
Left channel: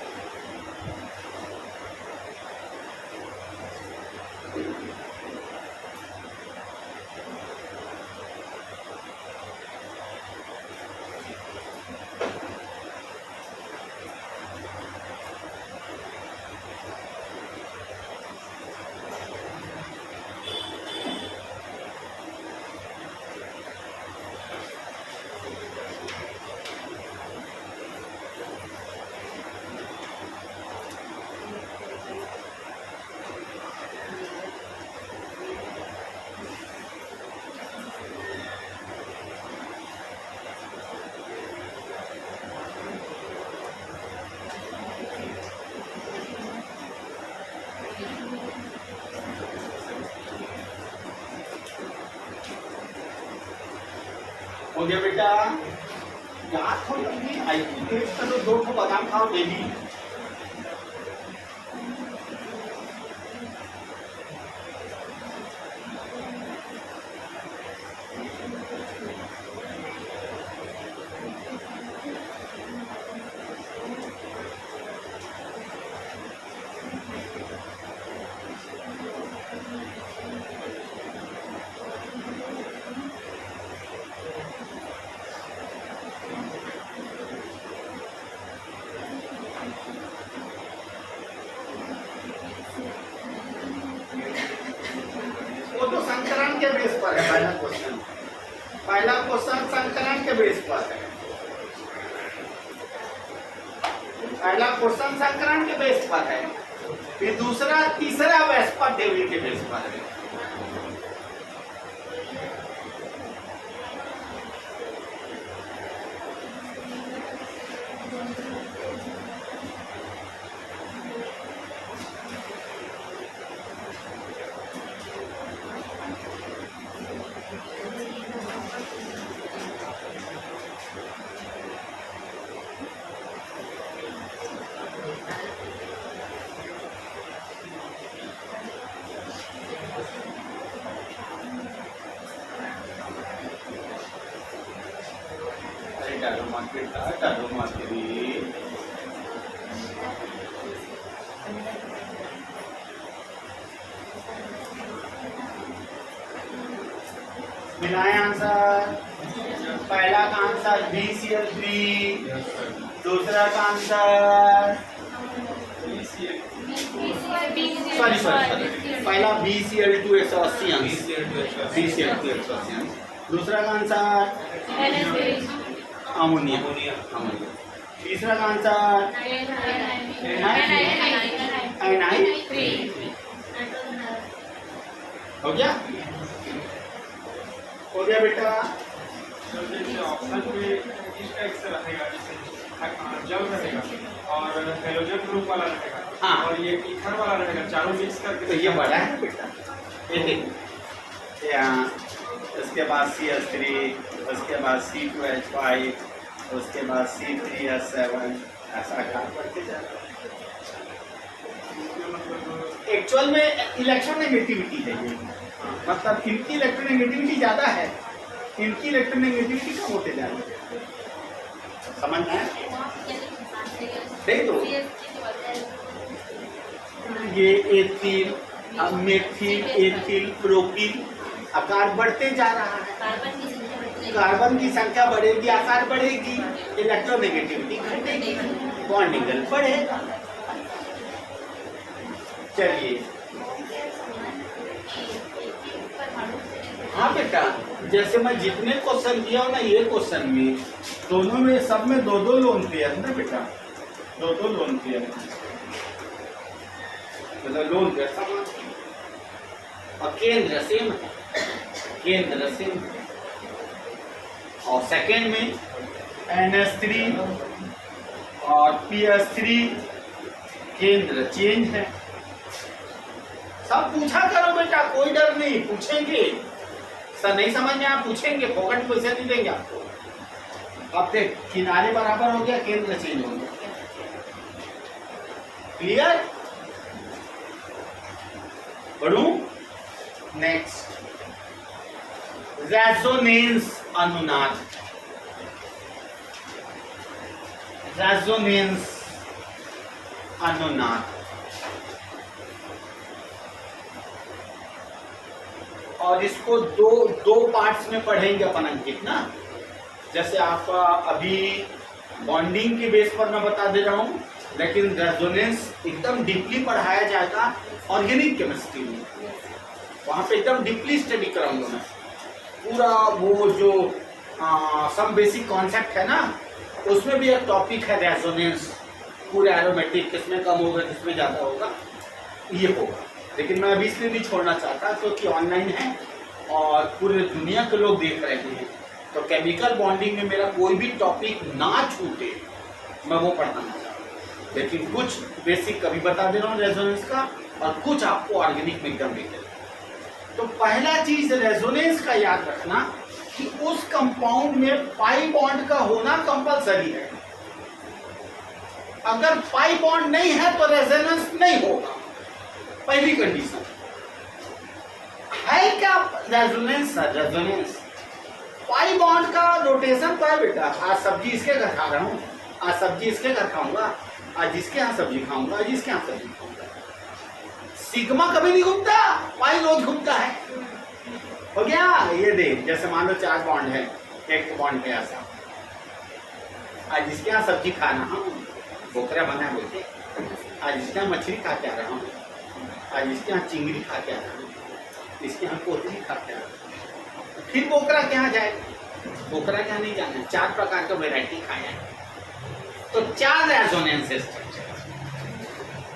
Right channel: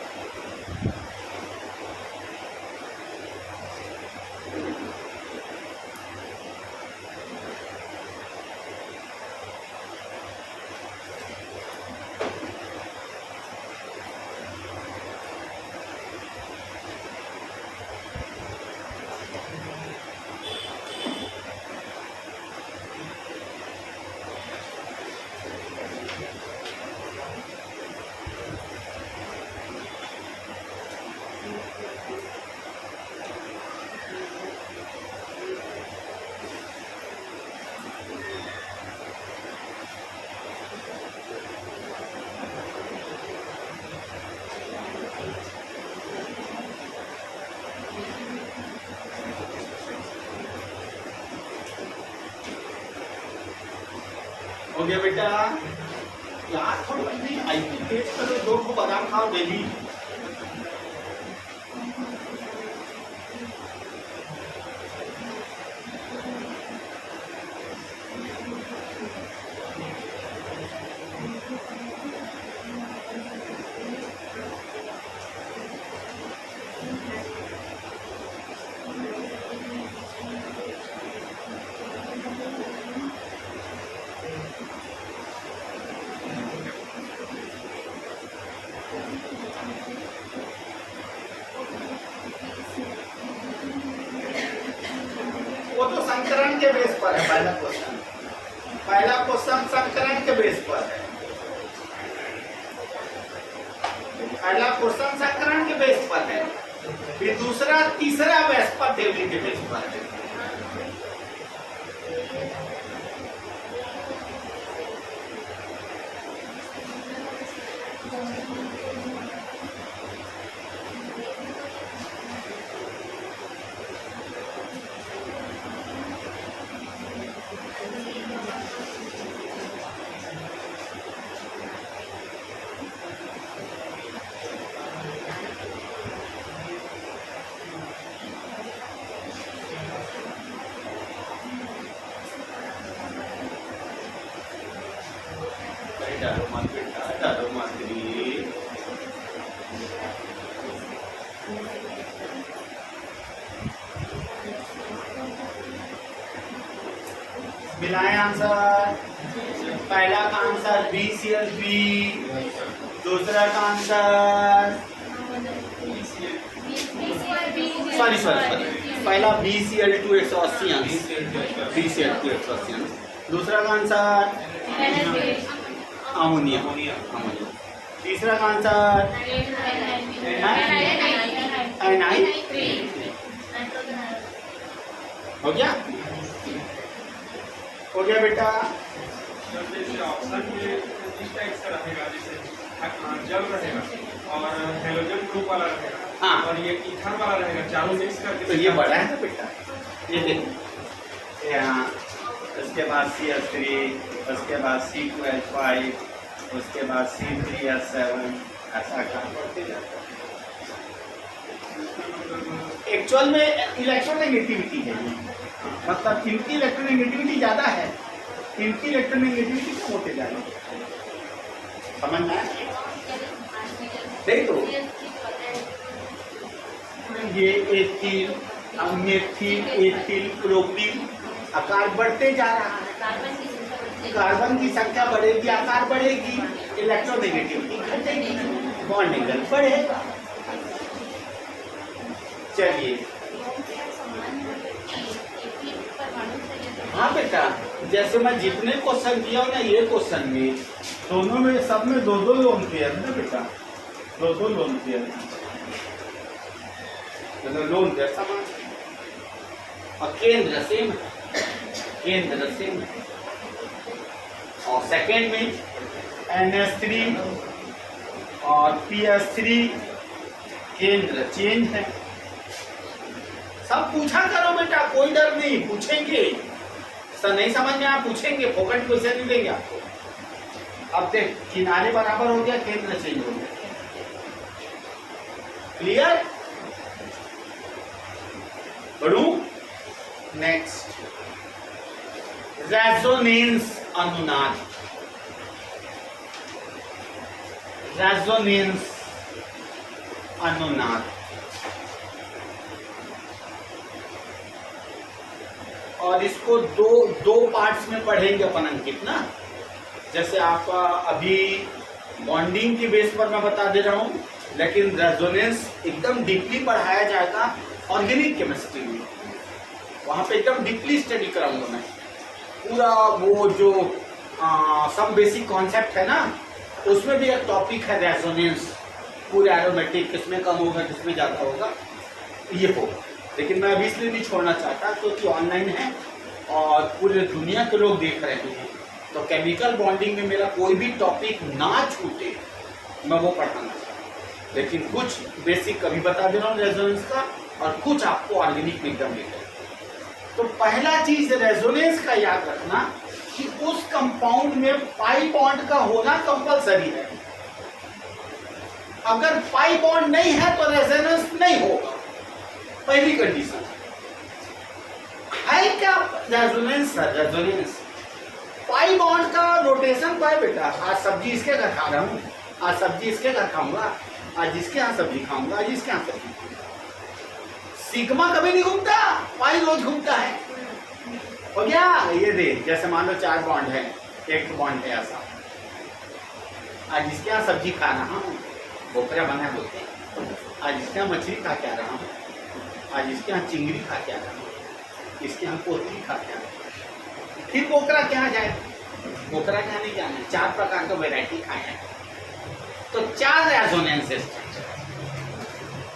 हो गया बेटा, याद थोड़ी लंबी आईटी टेस्ट का तो 2 ठो बादाम खाओ डेली। वो तो संकरण के बेस पर है पहला क्वेश्चन, पहला क्वेश्चन संकरण के बेस पर है, पहला क्वेश्चन संकरण के बेस पर है, फिर दूसरा तीसरा वेस्पर देवी के बेस पर है। डालो मत बेटा, डालो मत रे। मिलाएं आंसर। पहला का आंसर BCl3, दूसरा का आंसर सॉरी पहला BCl2 180 अंश, BCl2 180 अंश, दूसरा का आंसर अमोनिया, तीसरा का आंसर एनाइन। हो गया, हो गया बेटा। जैसे ऑप्शन में इस टाइप से रहेगा, जैसे जल रहेगा और हेलोजन ग्रुप वाला रहेगा, हाँ। और ये ईथर वाला रहेगा, चारों मिक्स करके। तो ये बड़ा है बेटा, ये देखो यहाँ, उसके बाद CH3, उसके बाद C2H5, उसके बाद C3H7, ऐसा काम करते जाते हैं। एक्चुअल में इलेक्ट्रोनेगेटिविटी है ये, मतलब इनकी इलेक्ट्रोनेगेटिविटी ज़्यादा है, इनकी इलेक्ट्रोनेगेटिविटी कम होते जा रही है। समझ में आया? नहीं तो ये एथिल, मेथिल, एथिल, प्रोपिल, आकार बढ़ते जा रहा है। कार्बन की संख्या बढ़ेगी, आकार बढ़ेगी, इलेक्ट्रोनेगेटिविटी घटेगी, बॉन्ड एंगल बढ़ेगा। चलिए, हाँ बेटा, जैसे मैं जितने क्वेश्चन किया हूं ना, ये क्वेश्चन में दोनों में सब में दो दो लोन पेयर है ना बेटा, दो दो लोन पेयर, मतलब लोन पेयर समान और केंद्र सेम है, केंद्र सेम है। और सेकेंड में NH3 और PS3 केंद्र चेंज है। सब पूछा करो बेटा, कोई डर नहीं, पूछेंगे। सर नहीं समझ में आप पूछेंगे, फोकट क्वेश्चन नहीं देंगे आपको। अब देख, किनारे बराबर हो गया, केंद्र चेंज हो गया। क्लियर? बढ़ू नेक्स्ट, रेजोनेंस अनुनाद। रेजोनेंस अनुनाद, और इसको दो पार्ट्स में पढ़ेंगे अपन अंकित ना। जैसे आपका अभी बॉन्डिंग की बेस पर मैं बता दे रहा हूं, लेकिन रेजोनेंस एकदम डीपली पढ़ाया जाएगा ऑर्गेनिक केमिस्ट्री में। वहां पे एकदम डीपली स्टडी कराऊंगा मैं पूरा। वो जो सब बेसिक कॉन्सेप्ट है ना, उसमें भी एक टॉपिक है रेजोनेंस, पूरे एरोमेटिक, किसमें कम होगा किसमें ज्यादा होगा, ये होगा। लेकिन मैं अभी इसलिए भी छोड़ना चाहता क्योंकि ऑनलाइन है और पूरे दुनिया के लोग देख रहे हैं, तो केमिकल बॉन्डिंग में मेरा कोई भी टॉपिक ना छूटे, मैं वो पढ़ाना चाहता। लेकिन कुछ बेसिक अभी बता दे रहा हूँ रेजोनेंस का, और कुछ आपको ऑर्गेनिक में एकदम देख। तो पहला चीज रेजोनेंस का याद रखना कि उस कंपाउंड में पाई बॉन्ड का होना कंपलसरी है। अगर पाई बॉन्ड नहीं है तो रेजोनेंस नहीं होगा, पहली कंडीशन है। क्या रेजोनेंस? रेजोनेंस पाई बॉन्ड का रोटेशन तो है बेटा। आज सब्जी इसके घर खा रहा हूं, आज सब्जी इसके घर खाऊंगा, आज जिसके यहाँ सब्जी खाऊंगा, आज जिसके यहाँ सब्जी खाऊंगा। सिग्मा कभी नहीं घूमता, पाई रोज घूमता है। हो गया? ये देख, जैसे मान लो 4 बॉन्ड है, एक बॉन्ड है ऐसा, आज जिसके यहाँ सब्जी खा रहा हूँ, बोकरा बना बोलते, आज जिसके यहाँ मछली खा के आ रहा हूँ, आज इसके यहाँ चिंगड़ी खा के आ रहा हूँ, इसके यहाँ पोतली खा के आ रहा हूँ, फिर बोकरा के यहाँ जाए, बोकरा के यहाँ नहीं जाना है। 4 प्रकार का वैरायटी खाया है, तो 4 रेजोनेंस स्ट्रक्चर।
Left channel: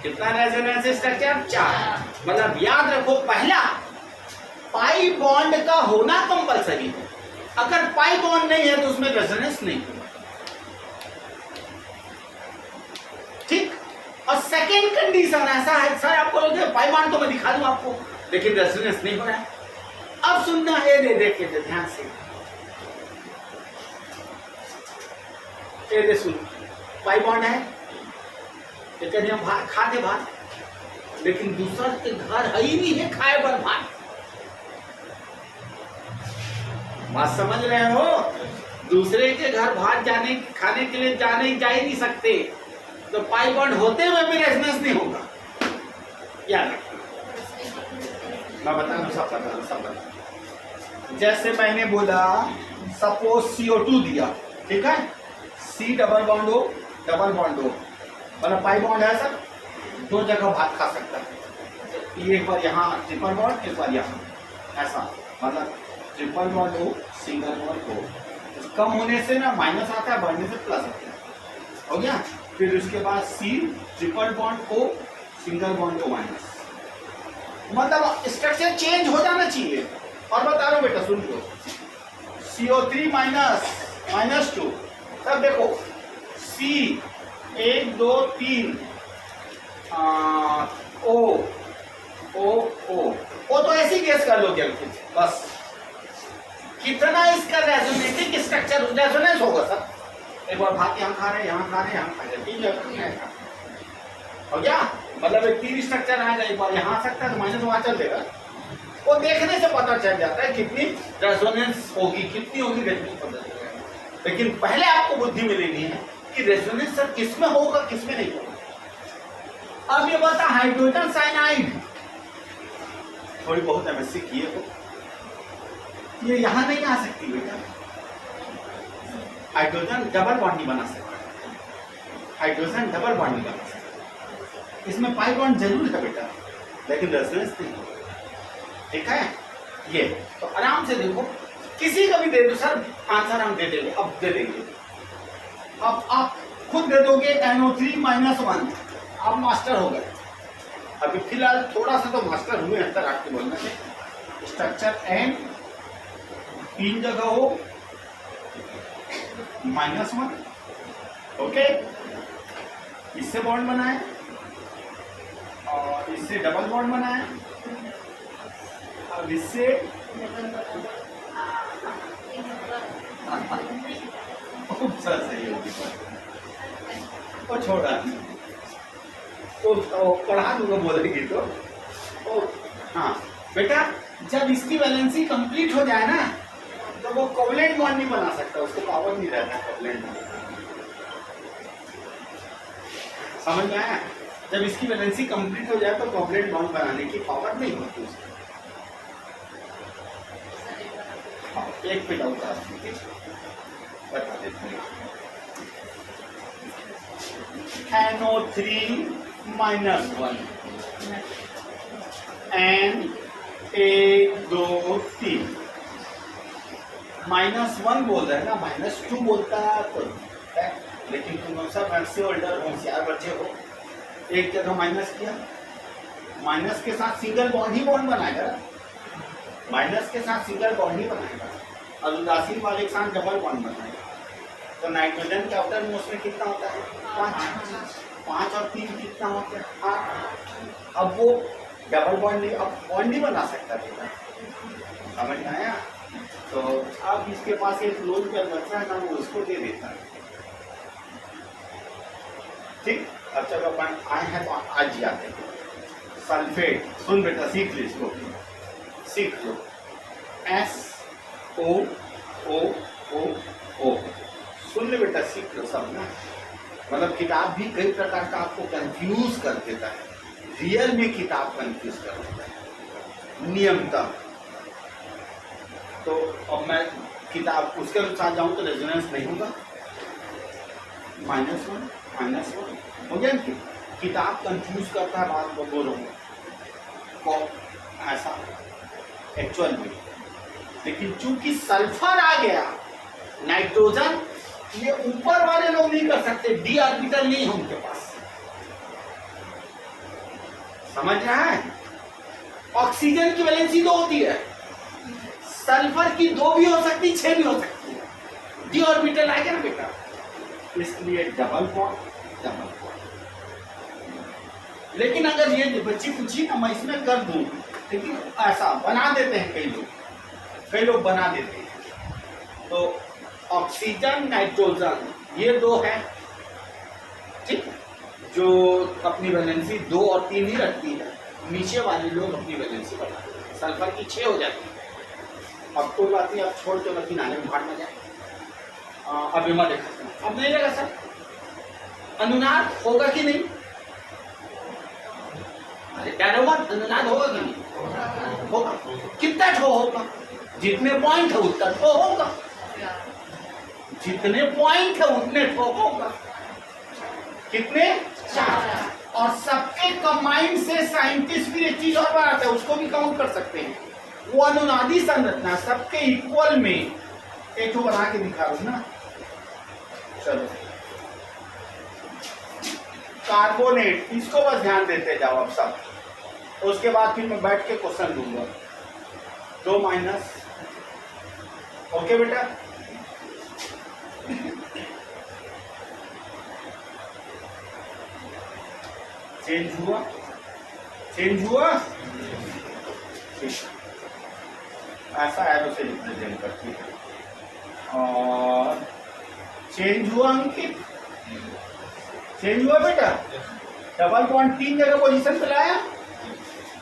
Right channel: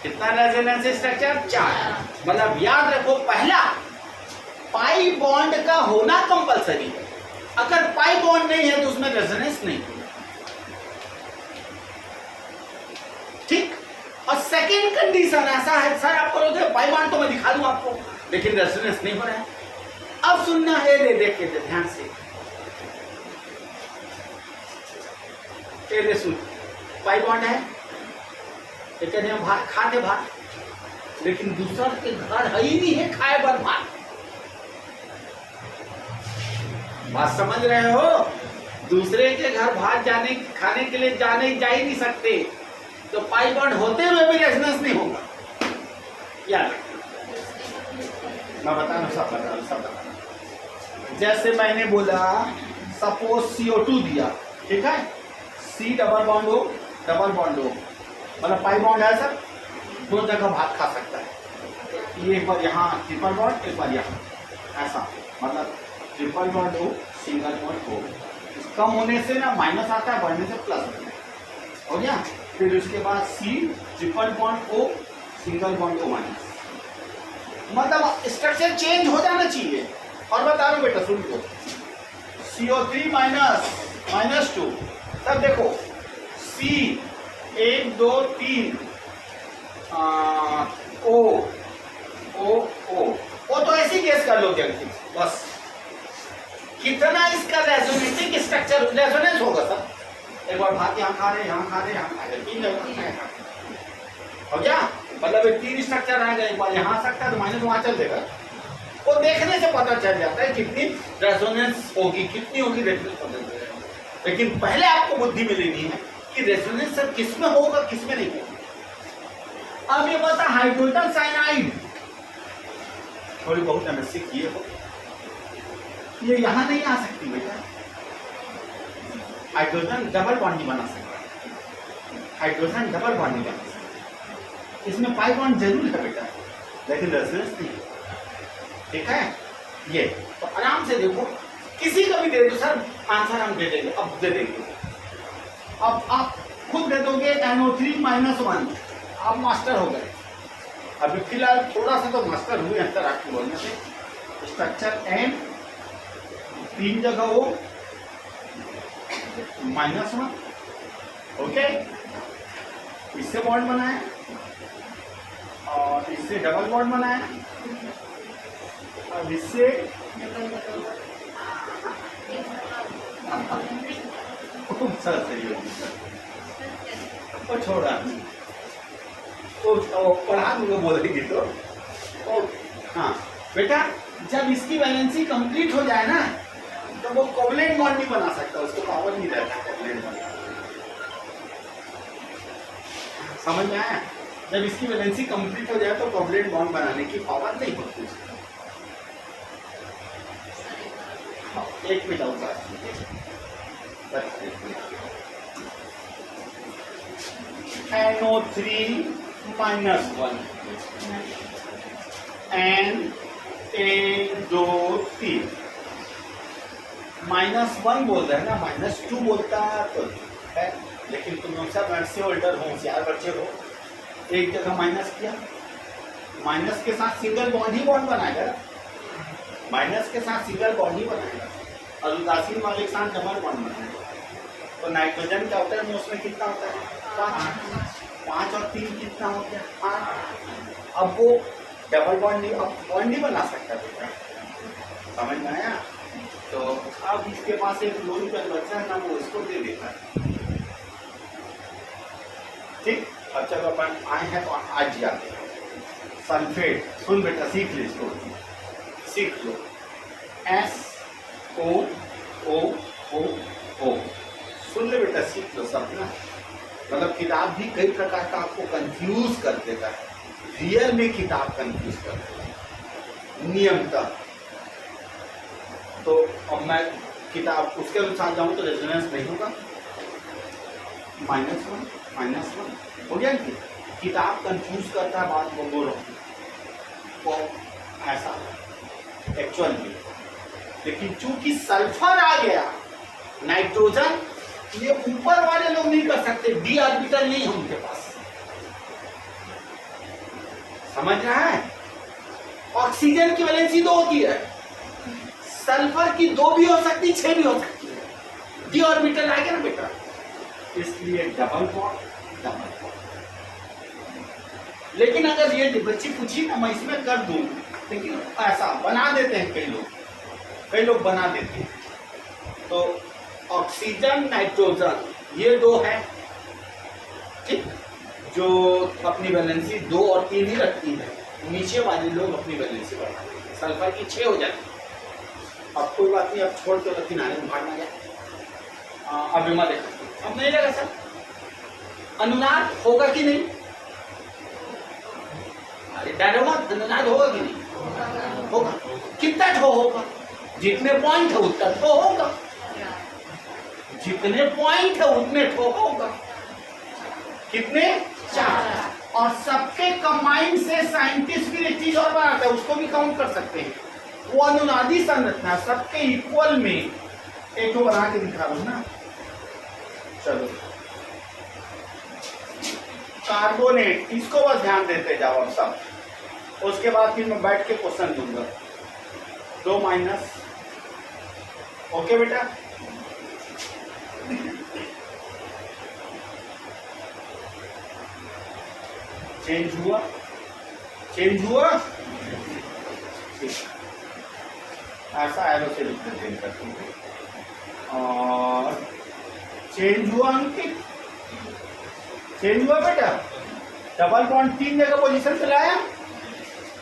कितना रेजोनेंस स्ट्रक्चर? 4। मतलब याद रखो, पहला पाई बॉन्ड का होना कंपलसरी है। अगर पाई बॉन्ड नहीं है तो उसमें रेजोनेंस नहीं होगा। ठीक? और सेकेंड कंडीशन ऐसा है, सर आपको बोलते पाई बॉन्ड तो मैं दिखा दूं आपको, लेकिन रेजोनेंस नहीं हो रहा है। अब सुनना है, देखिए ध्यान से, सुन, पाई बॉन्ड है, हम भात खाते भात, लेकिन दूसरा के घर है ही नहीं है खाए बर भात। बात समझ रहे हो? दूसरे के घर भात जाने खाने के लिए जा ही नहीं सकते, तो पाई बॉन्ड होते हुए भी रेजोनेंस नहीं होगा। याद रखना, मैं बता रहा हूं, सब बता रहा हूं, सब बता रहा हूं। जैसे मैंने बोला, सपोज CO2 दिया, ठीक है, C डबल बॉन्ड हो, डबल बॉन्ड हो, मतलब पाई बॉन्ड है सर, 2 जगह भात खा सकता है। ये एक बार यहाँ ट्रिपल बॉन्ड, एक बार यहाँ, ऐसा, मतलब ट्रिपल बॉन्ड हो, सिंगल बॉन्ड हो। कम होने से ना माइनस आता है, बढ़ने से प्लस होता है। हो गया? फिर उसके बाद C triple bond O, single bond O minus, मतलब स्ट्रक्चर चेंज हो जाना चाहिए। और बता रहा हूँ बेटा, सुन लो, CO3 माइनस 2, तब देखो C 1 2 3 ओ तो ऐसे गैस कर लो जल्दी, बस कितना इसका रेजोनेटिंग स्ट्रक्चर रेजोनेंस होगा सर। एक बार भात यहाँ खा रहे, यहाँ खा रहे, यहाँ खा रहे, 3 जगह हो गया। मतलब एक 3 स्ट्रक्चर आ गए, एक बार यहाँ आ सकता है तो माइनस वहाँ चल देगा। वो देखने से पता चल जाता है कितनी रेजोनेंस होगी, कितनी होगी देखने से पता चल जाएगा। लेकिन पहले आपको बुद्धि में लेनी है कि रेजोनेंस सर किस में होगा किस में नहीं होगा। अब ये बता हाइड्रोजन साइनाइड, थोड़ी बहुत एमएससी किए हो, ये यहां नहीं आ सकती बेटा। हाइड्रोजन डबल बॉन्ड नहीं बना सकता, हाइड्रोजन डबल बॉन्ड नहीं बना सकता। इसमें पाई बॉन्ड जरूर है बेटा, लेकिन रेजोनेंस नहीं। ठीक है, ये तो आराम से देखो, किसी का भी दे दो सर आंसर हम दे देंगे, अब दे देंगे। अब आप खुद दे दोगे NO3-1, आप मास्टर हो गए। अभी फिलहाल थोड़ा सा तो मास्टर हुए हैं सर आपके बोलने से। स्ट्रक्चर N 3 जगह हो -1, ओके, इससे बॉन्ड बनाए और इससे डबल बॉन्ड बनाए, अब इससे सर सही होगी सर, और छोड़ा तो पढ़ा दूंगा बोलेगी तो। हाँ बेटा, जब इसकी वैलेंसी कंप्लीट हो जाए ना तो वो कोवलेंट बॉन्ड नहीं बना सकता, उसको पावर नहीं रहता कोवलेंट बॉन्ड। समझ में आया? जब इसकी वैलेंसी कंप्लीट हो जाए तो कोवलेंट बॉन्ड बनाने की पावर नहीं होती उसको। एक पे डाउट बता देते हैं। NO3-1 N 1 2 3 -1 बोल रहे हैं ना, -2 बोलता तो है, लेकिन तुम लोग सब मैथ्स से होल्डर होशियार बच्चे हो, एक जगह माइनस किया, माइनस के साथ सिंगल बॉन्ड ही बॉन्ड बनाएगा, माइनस के साथ सिंगल बॉन्ड ही बनाएगा, और उदासीन वाले के साथ डबल बॉन्ड बनाएगा। तो नाइट्रोजन का आउटर मोस्ट में कितना होता है? 5 और 3 कितना होता है? 8। अब वो डबल बॉन्ड नहीं, अब बॉन्ड नहीं बना सकता बेटा, समझ में आया? तो अब इसके पास एक लोन पर बच्चा है ना, वो इसको दे देता है। ठीक, अच्छा तो अपन आए हैं तो आज जाते हैं सल्फेट। सुन बेटा, सीख लो इसको, सीख लो। SOOO, सुन ले बेटा, सीख लो सब ना। मतलब किताब भी कई प्रकार का आपको कंफ्यूज कर देता है, रियल में किताब कंफ्यूज कर देता है नियमतः। तो अब मैं किताब उसके अनुसार जाऊं तो रेजोनेंस नहीं होगा, -1 हो गया कि किताब कंफ्यूज करता है बात, वो बोलो वो ऐसा एक्चुअल में। लेकिन चूंकि सल्फर आ गया, नाइट्रोजन, ये ऊपर वाले लोग नहीं कर सकते, डी ऑर्बिटल नहीं है उनके पास, समझ रहा है? ऑक्सीजन की वैलेंसी 2 होती है, सल्फर की 2 भी हो सकती, 6 भी हो सकती है, डी ऑर्बिटल आएगा ना बेटा, इसलिए डबल बॉन्ड। लेकिन अगर ये बच्ची पूछी ना, मैं इसमें कर दूं, लेकिन ऐसा बना देते हैं कई लोग बना देते हैं। तो ऑक्सीजन नाइट्रोजन ये 2 हैं, ठीक, जो अपनी वैलेंसी 2 और 3 ही रखती है, नीचे वाले लोग अपनी वैलेंसी बढ़ाते हैं, सल्फर की 6 हो जाती है। अब कोई बात नहीं, अब छोड़ के किनारे में भाग ना जाए। अब मैं देखा अब नहीं लगा सर, अनुनाद होगा कि नहीं? अरे डरो मत, अनुनाद होगा कि नहीं? होगा। कितना ठो होगा? जितने पॉइंट है उतना ठो होगा, जितने पॉइंट है उतने ठो होगा। कितने? 4। और सबके कंबाइंड से साइंटिस्ट भी एक चीज और बनाता है, उसको भी काउंट कर सकते हैं। वो अनुनादी संरचना सबके इक्वल में एक तो बना के दिखा रहा हूं ना। चलो, कार्बोनेट, इसको बस ध्यान देते जाओ अब सब, उसके बाद फिर मैं बैठ के क्वेश्चन दूंगा। 2- ओके बेटा। चेंज हुआ? ऐसा एरो से रिप्रेजेंट करती है। और चेंज हुआ अंकित? चेंज हुआ बेटा? डबल बॉन्ड 3 जगह पोजीशन पे लाया,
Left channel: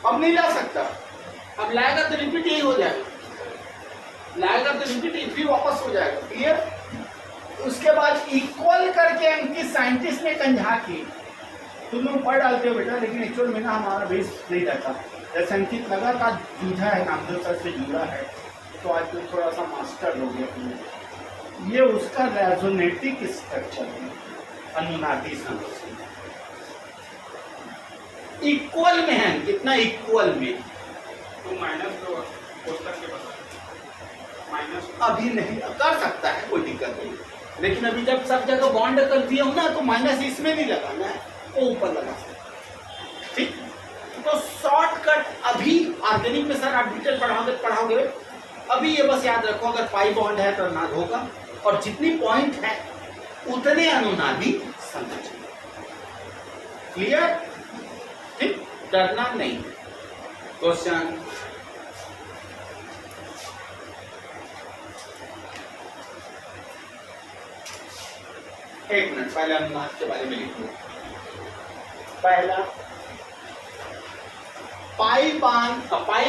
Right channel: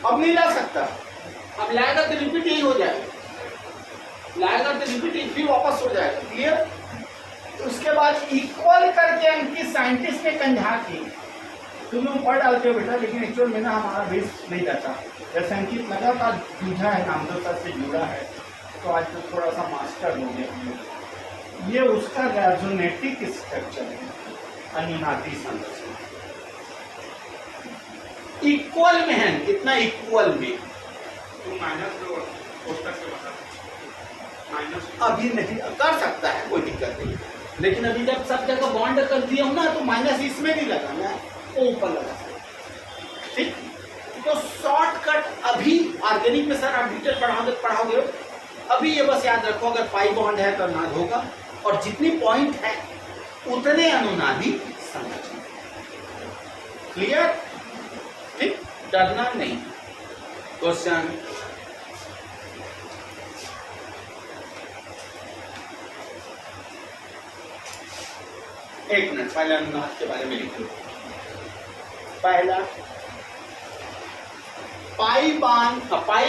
अब नहीं ला सकता, अब लाएगा तो रिपीट ही हो जाएगा, लाएगा तो रिपीट ही फिर वापस हो जाएगा। क्लियर? उसके बाद इक्वल करके अंकित साइंटिस्ट ने कंझा की। तुम लोग पढ़ डालते हो बेटा, लेकिन एक्चुअल में ना हमारा बेस नहीं रहता। जैसे अंकित लगातार जूझा है, नामदेव सर से जुड़ा है, तो आज तो थोड़ा सा मास्टर हो गया। ये उसका रेजोनेटिक स्ट्रक्चर है, अनुनादी संरचना इक्वल में है। कितना इक्वल में? तो माइनस दो कोष्टक के बता माइनस अभी नहीं कर सकता है, कोई दिक्कत नहीं, लेकिन अभी जब सब जगह बॉन्ड कर दिया हूं ना, तो माइनस इसमें नहीं लगाना है, वो ऊपर लगा सकते। ठीक, तो शॉर्टकट अभी ऑर्गेनिक में सर आप डिटेल पढ़ाओगे। अभी ये बस याद रखो, अगर पाई बॉन्ड है तो अनुनाद होगा, और जितनी पॉइंट है उतने अनुनादी संरचना। क्लियर? ठीक, डरना नहीं। क्वेश्चन एक मिनट, पहले अनुनाद के बारे में लिख लो। पहला, पाई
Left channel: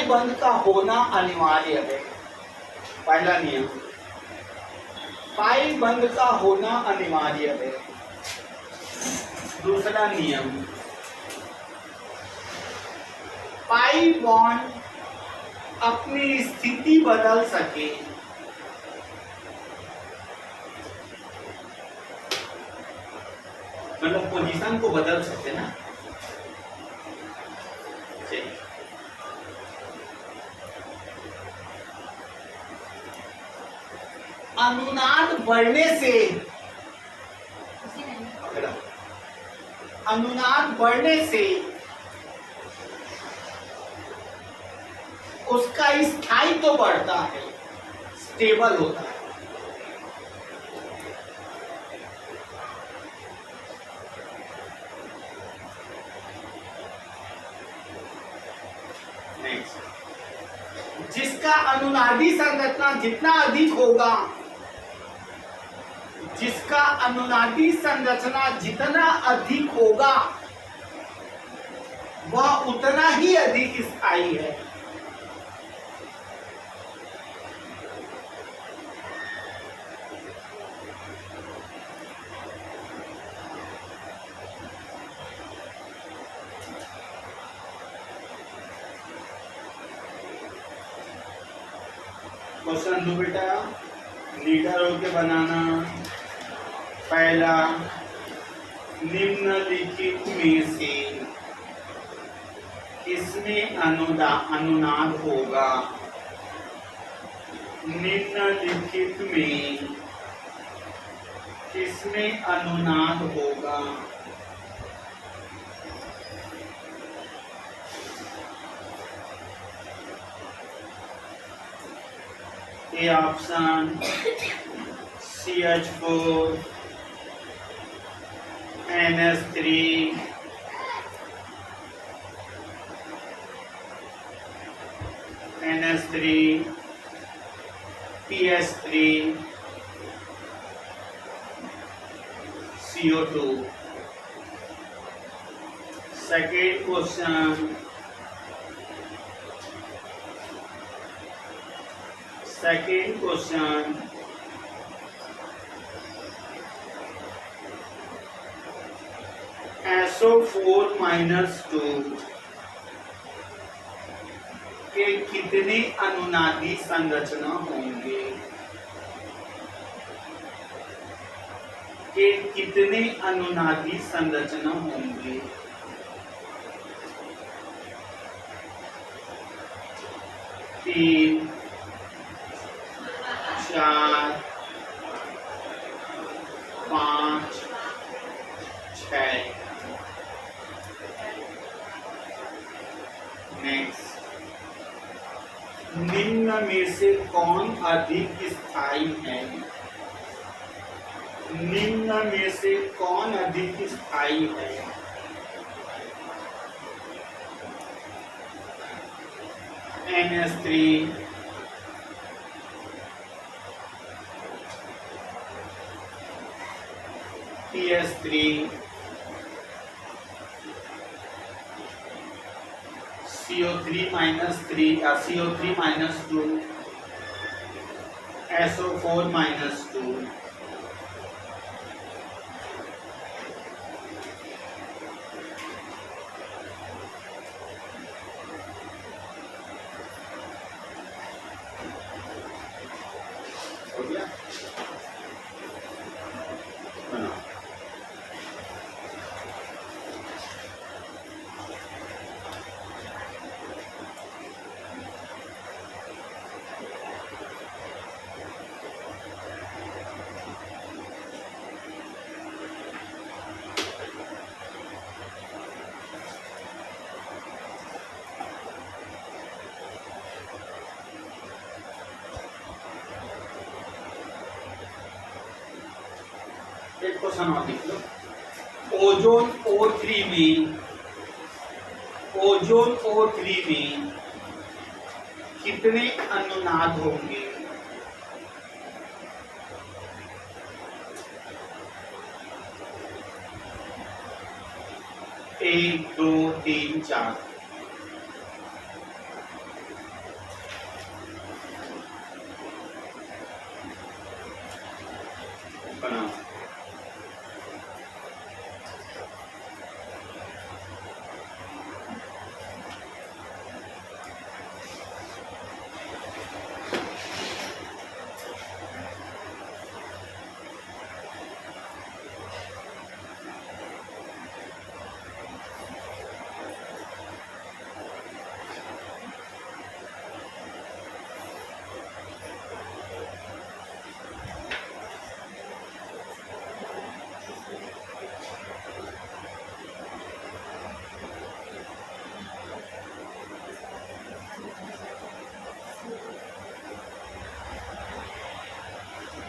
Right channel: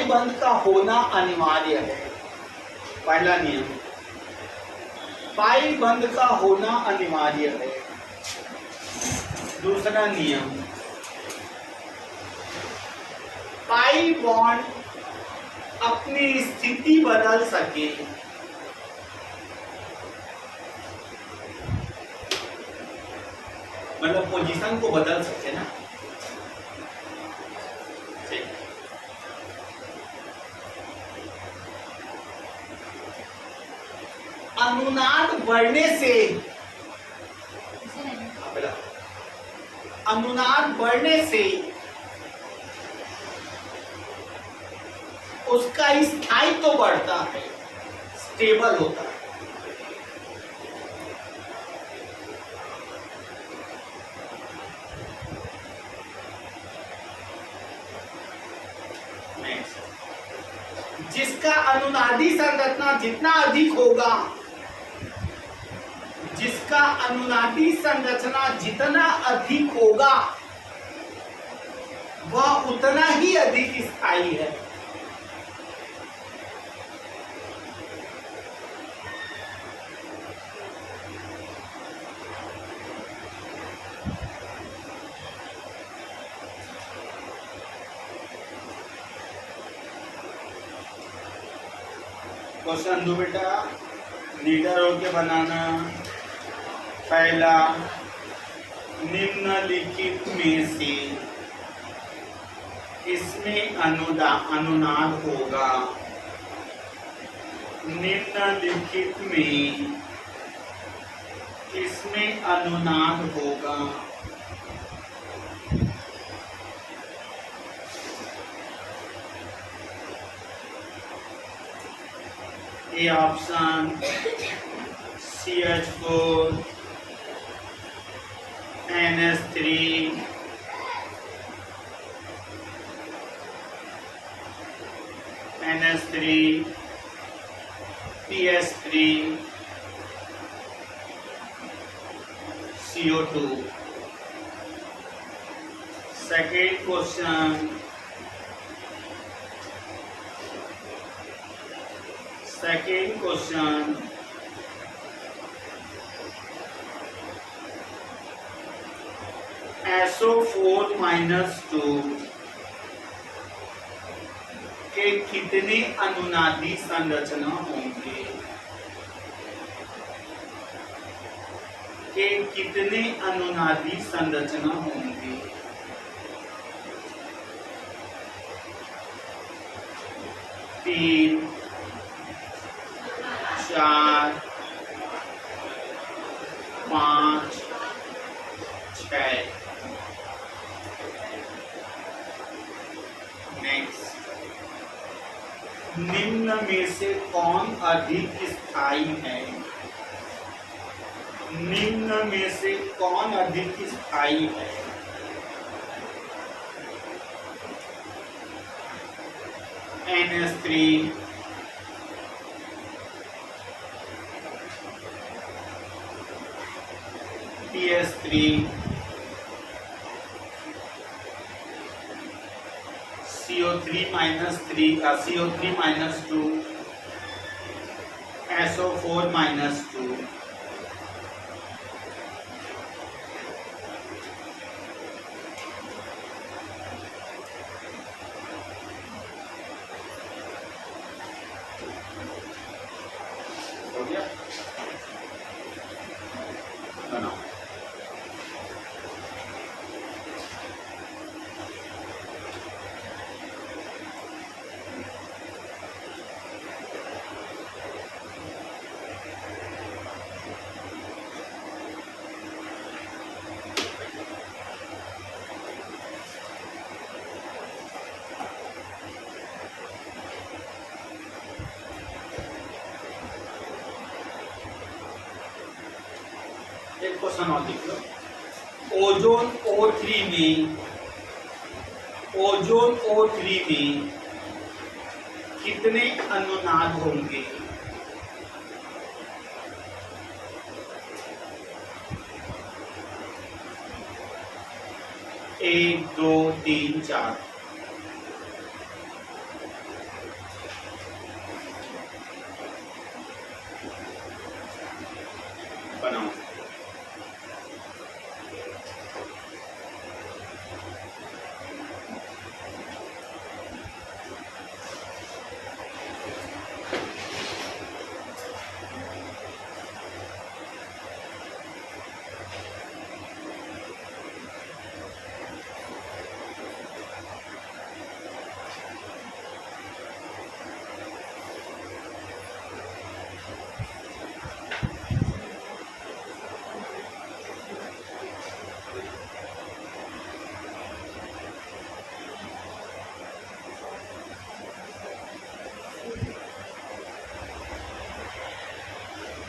बंद का होना अनिवार्य है। पहला नियम, पाई बंद का होना अनिवार्य है। दूसरा नियम, पाई बॉन्ड अपनी स्थिति बदल सके। मतलब पोजीशन को बदल सके ना। अनुनाद बढ़ने से, अनुनाद बढ़ने से उसका स्थायित्व तो बढ़ता है, स्टेबल होता है। जिसका अनुनादी संरचना जितना अधिक होगा, जिसका अनुनादी संरचना जितना अधिक होगा, वह उतना ही अधिक स्थायी है। क्वेश्चन दो बेटा, लीडर होके बनाना। पहला, निम्नलिखित में से इसमें अनुनाद होगा। निम्नलिखित में इसमें अनुनाद होगा। A option CH4 NS3 NS3 PS3 CO2। Second question, second question, SO4-2 के कितने अनुनादी संरचना होंगे? के कितने अनुनादी संरचना होंगे? तीन, चार, पाँच, छः। नेक्स्ट, निम्न में से कौन अधिक स्थायी है? निम्न में से कौन अधिक स्थायी है? NS3 PS3 CO3-2 SO4-2। गया, बनाओ। एक क्वेश्चन और देख लो। ओजोन O3 में, ओजोन O3 में कितने अनुनाद होंगे? 1 2 3 4। बनाओ।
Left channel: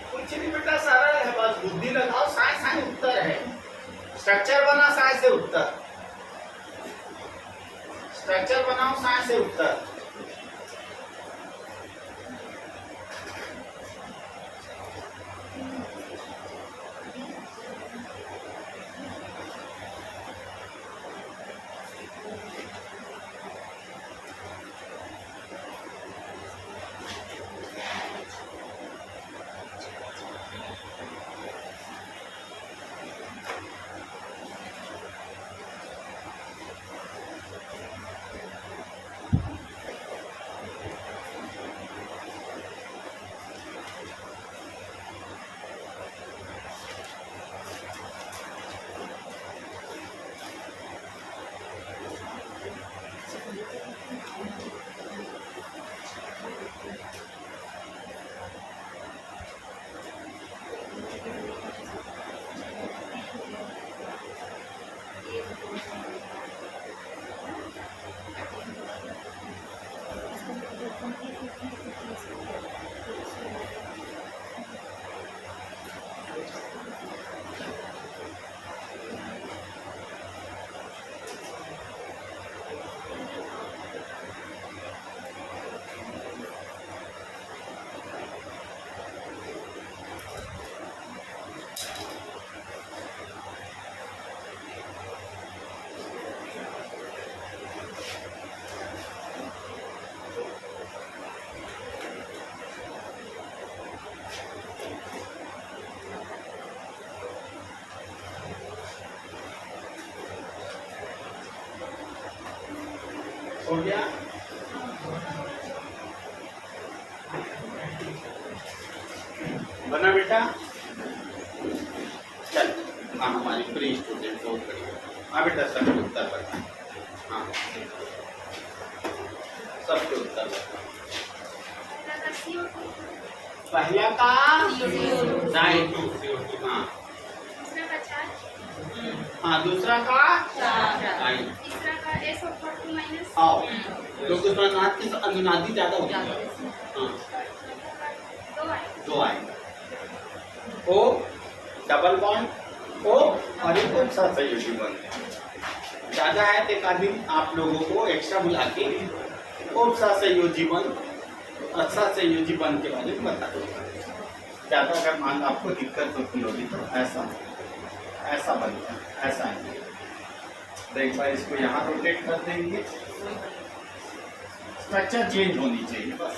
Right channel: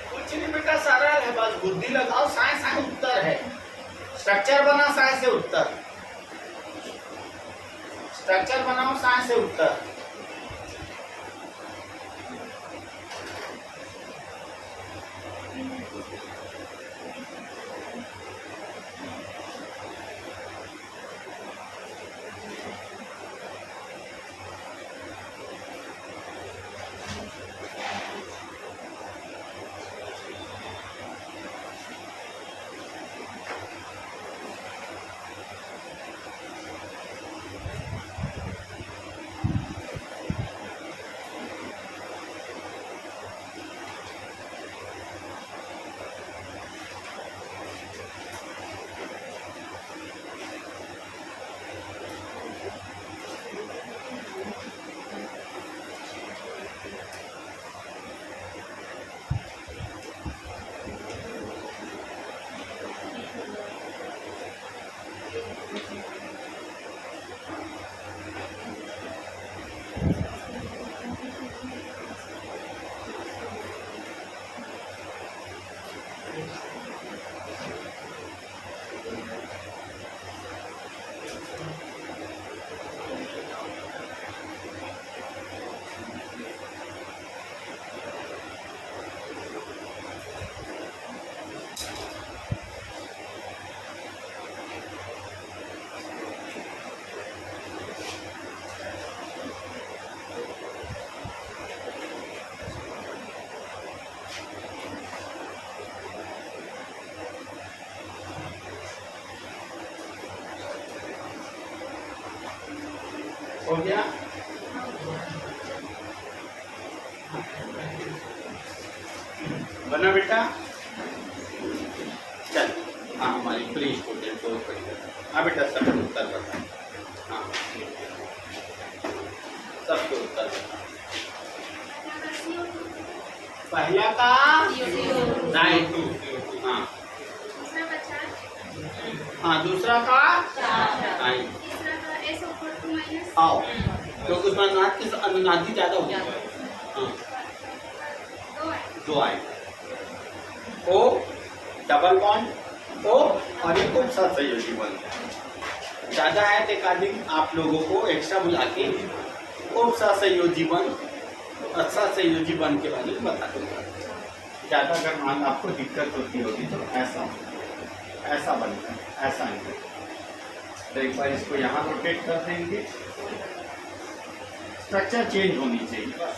कुछ नहीं बेटा, सारा है, बस बुद्धि लगाओ, साइंस है, उत्तर है। स्ट्रक्चर बना, साइंस से उत्तर। स्ट्रक्चर बनाओ, साइंस से उत्तर। हो गया? बना बेटा? चल, हाँ हमारी प्री स्टूडेंट बहुत बढ़िया। हाँ बेटा, सब उत्तर बता। हाँ सबके उत्तर बता। पहला का राइट। हाँ हाँ, दूसरा का राइट। तीसरा का S/2 माइनस। आओ, क्योंकि उसमें अनुनादी ज्यादा होती है। हाँ, दो आए। ओ डबल बॉन्ड ओ और एक और साथ सहयोगी बंध ज्यादा है तो एक आदमी आप लोगों को एक्स्ट्रा बुला के और साथ सहयोगी बंध, अच्छा सहयोगी बंध के बारे में बता दूंगा। ज्यादा अगर मान आपको दिक्कत होती होगी तो ऐसा बनता है, ऐसा आएंगे। तो एक बार इसको यहाँ रोटेट कर देंगे, स्ट्रक्चर चेंज होनी चाहिए बस।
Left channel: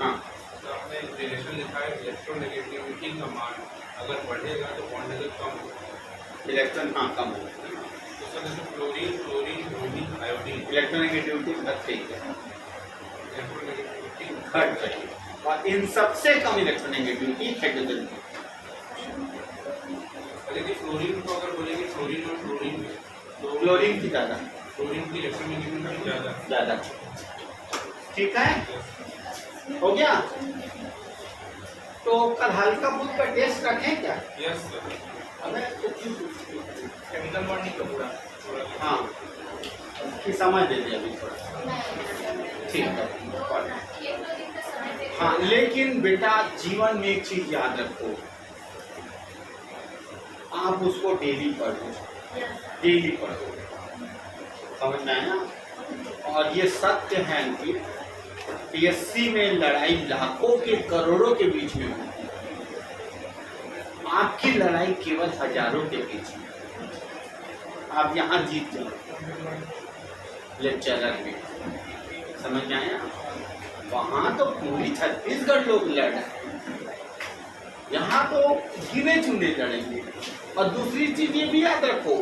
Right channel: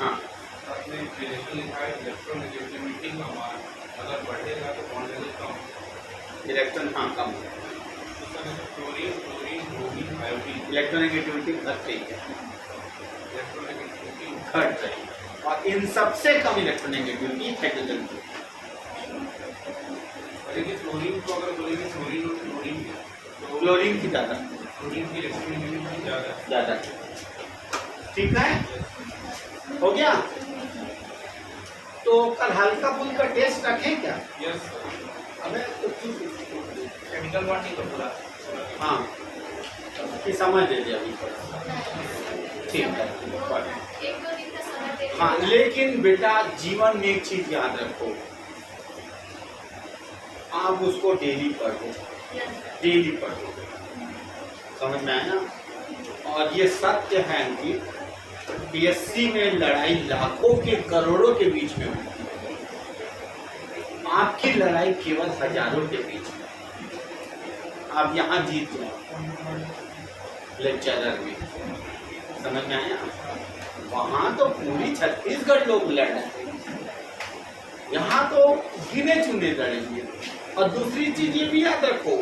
हाँ, आपने रिलेशन लिखा है इलेक्ट्रोनेगेटिविटी का मान अगर बढ़ेगा तो बॉन्ड लेवल कम, इलेक्ट्रॉन हाँ कम हो, तो sir chlorine chlorine bromine iodine electronegativity घट रही है, इलेक्ट्रोनेगेटिविटी घट रही है। और इन सबसे कम इलेक्ट्रोनेगेटिविटी हाइड्रोजन की। लेकिन फ्लोरीन को अगर बोलेंगे फ्लोरीन और क्लोरीन तो क्लोरीन की ज़्यादा फ्लोरीन की इलेक्ट्रोनेगेटिविटी ज़्यादा है। ज़्यादा। ठीक है, हो गया। तो कल हल्का फुल्का टेस्ट रखें क्या? Yes sir. अबे तो केमिकल बॉन्डिंग का पूरा हाँ कि समझ लीजिए अभी थोड़ा। ठीक है, एक दो दिन का समय दे हाँ लेकिन बेटा जीवन में एक चीज याद रखो, आप उसको डेली पढ़ो, डेली पढ़ो, समझ में आया? और ये सत्य है कि पीएससी में लड़ाई लाखों के करोड़ों के बीच में होती है, आपकी लड़ाई केवल हजारों के बीच में। आप यहाँ जीत जाओ लेक्चरर में, समझ में आया? वहां तो पूरी छत्तीसगढ़ लोग लड़ रहे हैं, यहाँ तो गिने चुने लड़ेंगे। और दूसरी चीज ये भी याद रखो,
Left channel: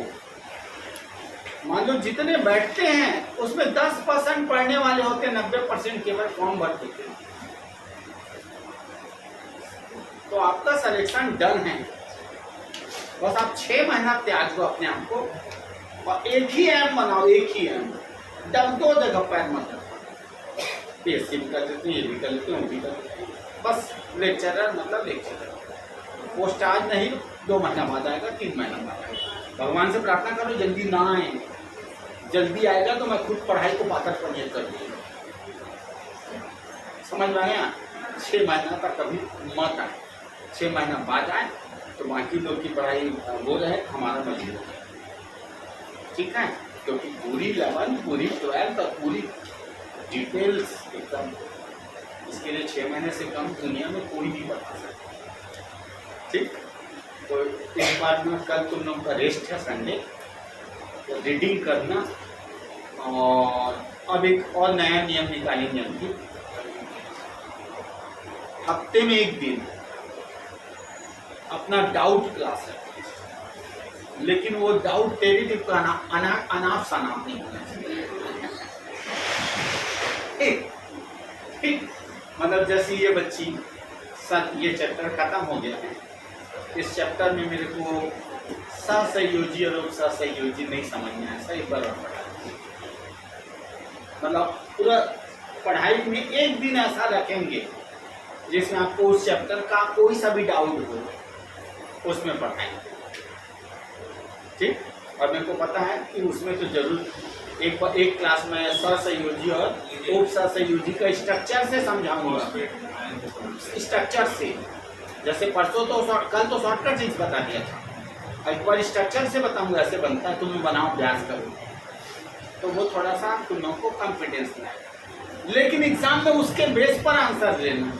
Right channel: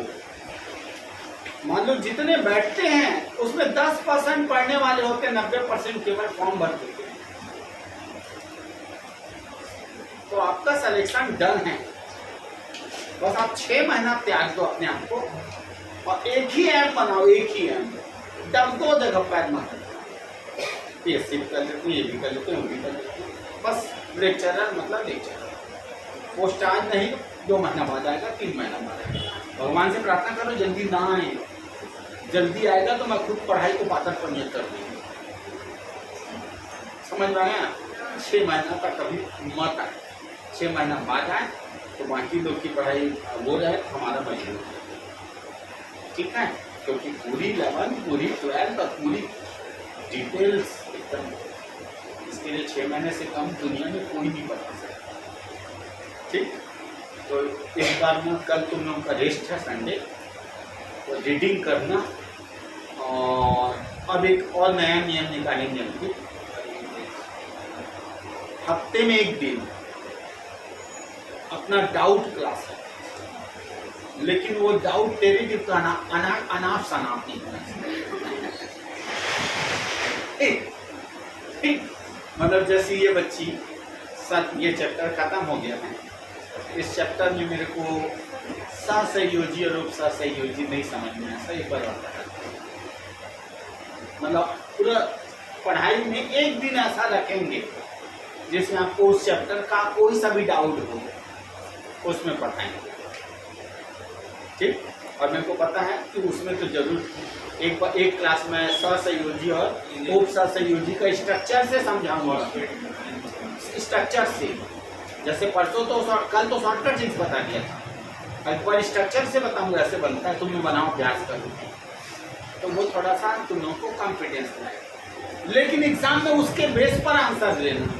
मान लो जितने बैठते हैं उसमें 10% पढ़ने वाले होते हैं, 90% केवल फॉर्म भर देते हैं। तो आपका सिलेक्शन डन है, बस आप 6 महीना त्याग दो अपने आप को और एक ही एम बनाओ, एक ही एम। दब दो जगह पैर मत रखो, पीएससी भी कर लेते हैं, ये भी कर लेते हैं, वो भी कर लेते हैं, बस लेक्चरर मतलब लेक्चरर। पोस्ट आज नहीं 2 महीना बाद आएगा, 3 महीना बाद आएगा। भगवान से प्रार्थना करो जल्दी ना आए, जल्दी आएगा तो मैं खुद पढ़ाई को पातर पनियत कर दूंगा। समझ में आया? 6 महीना तक कभी मत आए, 6 महीना बाद आए तो बाकी लोग की पढ़ाई वो रहे, हमारा मजबूर है। ठीक है, क्योंकि पूरी 11 पूरी 12 और पूरी डिटेल्स एकदम, इसके लिए 6 महीने से कम दुनिया में कोई नहीं बता सकता। ठीक, तो इस बार में कल तुम लोगों का रेस्ट है संडे, तो रीडिंग करना। और अब एक और नया नियम निकालेंगे हम लोग, हफ्ते में एक दिन अपना डाउट क्लास है, लेकिन वो डाउट टेरिटिव का अनाप शनाप नहीं होना चाहिए। ठीक, मतलब जैसे ये बच्ची सर ये चैप्टर खत्म हो गया है, इस चैप्टर में मेरे को सहसंयोजी और उपसहसंयोजी नहीं समझ में आया, एक बार और पढ़ा। मतलब पूरा पढ़ाई में एक दिन ऐसा रखेंगे जिसमें आपको उस चैप्टर का कोई सा भी डाउट हो उसमें पढ़ाएंगे। ठीक, और मेरे को पता है कि उसमें तो जरूर एक क्लास में सहसंयोजी और उपसहसंयोजी का स्ट्रक्चर से समझाऊंगा, स्ट्रक्चर से। जैसे परसों तो कल तो शॉर्टकट चीज बता दिया था, एक बार स्ट्रक्चर से बताऊंगा ऐसे बनता है, तुम बनाओ अभ्यास करो, तो वो थोड़ा सा तुम लोगों को कॉन्फिडेंस लाए। लेकिन एग्जाम में उसके बेस पर आंसर देना,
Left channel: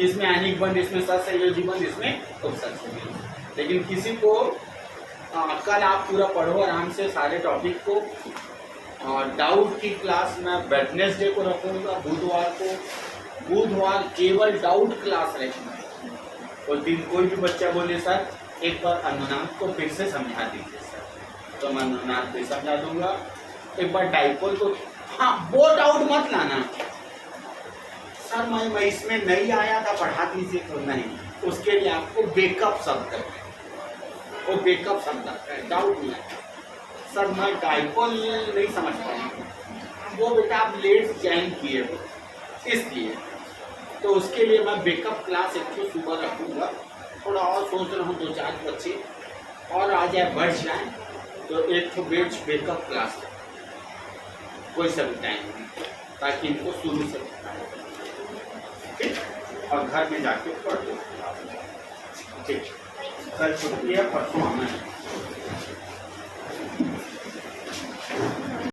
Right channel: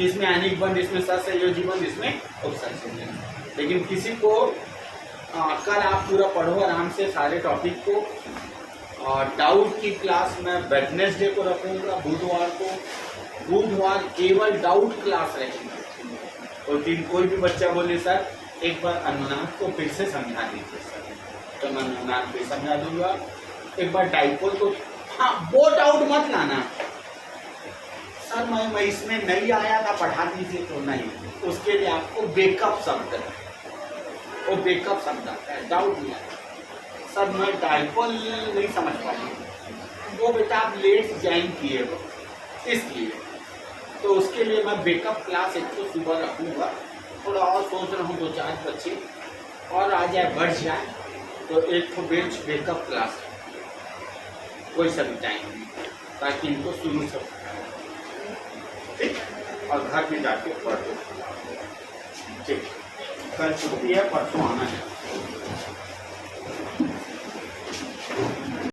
इसमें आयनिक बंद, इसमें सहसंयोजी बंद, इसमें उपसहसंयोजी। लेकिन किसी को कल आप पूरा पढ़ो आराम से सारे टॉपिक को, और डाउट की क्लास मैं वेडनेसडे को रखूँगा, बुधवार केवल डाउट क्लास रहेगी। उस दिन कोई भी बच्चा बोले सर एक बार अनुनाद को फिर से समझा दीजिए सर, तो मैं अनुनाद फिर समझा दूंगा। एक बार डाइपोल को, हाँ वो डाउट मत लाना सर मैं इसमें नहीं आया था पढ़ा दीजिए, तो नहीं, उसके लिए आपको बेकअप शब्द है, वो बेकअप शब्द आता है, डाउट नहीं आया सर मैं डाइपोल नहीं समझ पाया, वो बेटा आप लेट ज्वाइन किए हो इसलिए, तो उसके लिए मैं बेकअप क्लास एक तो सुबह रखूँगा। थोड़ा और सोच रहा हूँ 2-4 बच्चे और आ जाए, बढ़ जाए, तो एक तो बेच बेकअप क्लास है कोई सा भी टाइम नहीं, ताकि इनको शुरू से पढ़ाए। ठीक, और घर में जाके पढ़ दो। ठीक, कल छुट्टी है, परसों आना है।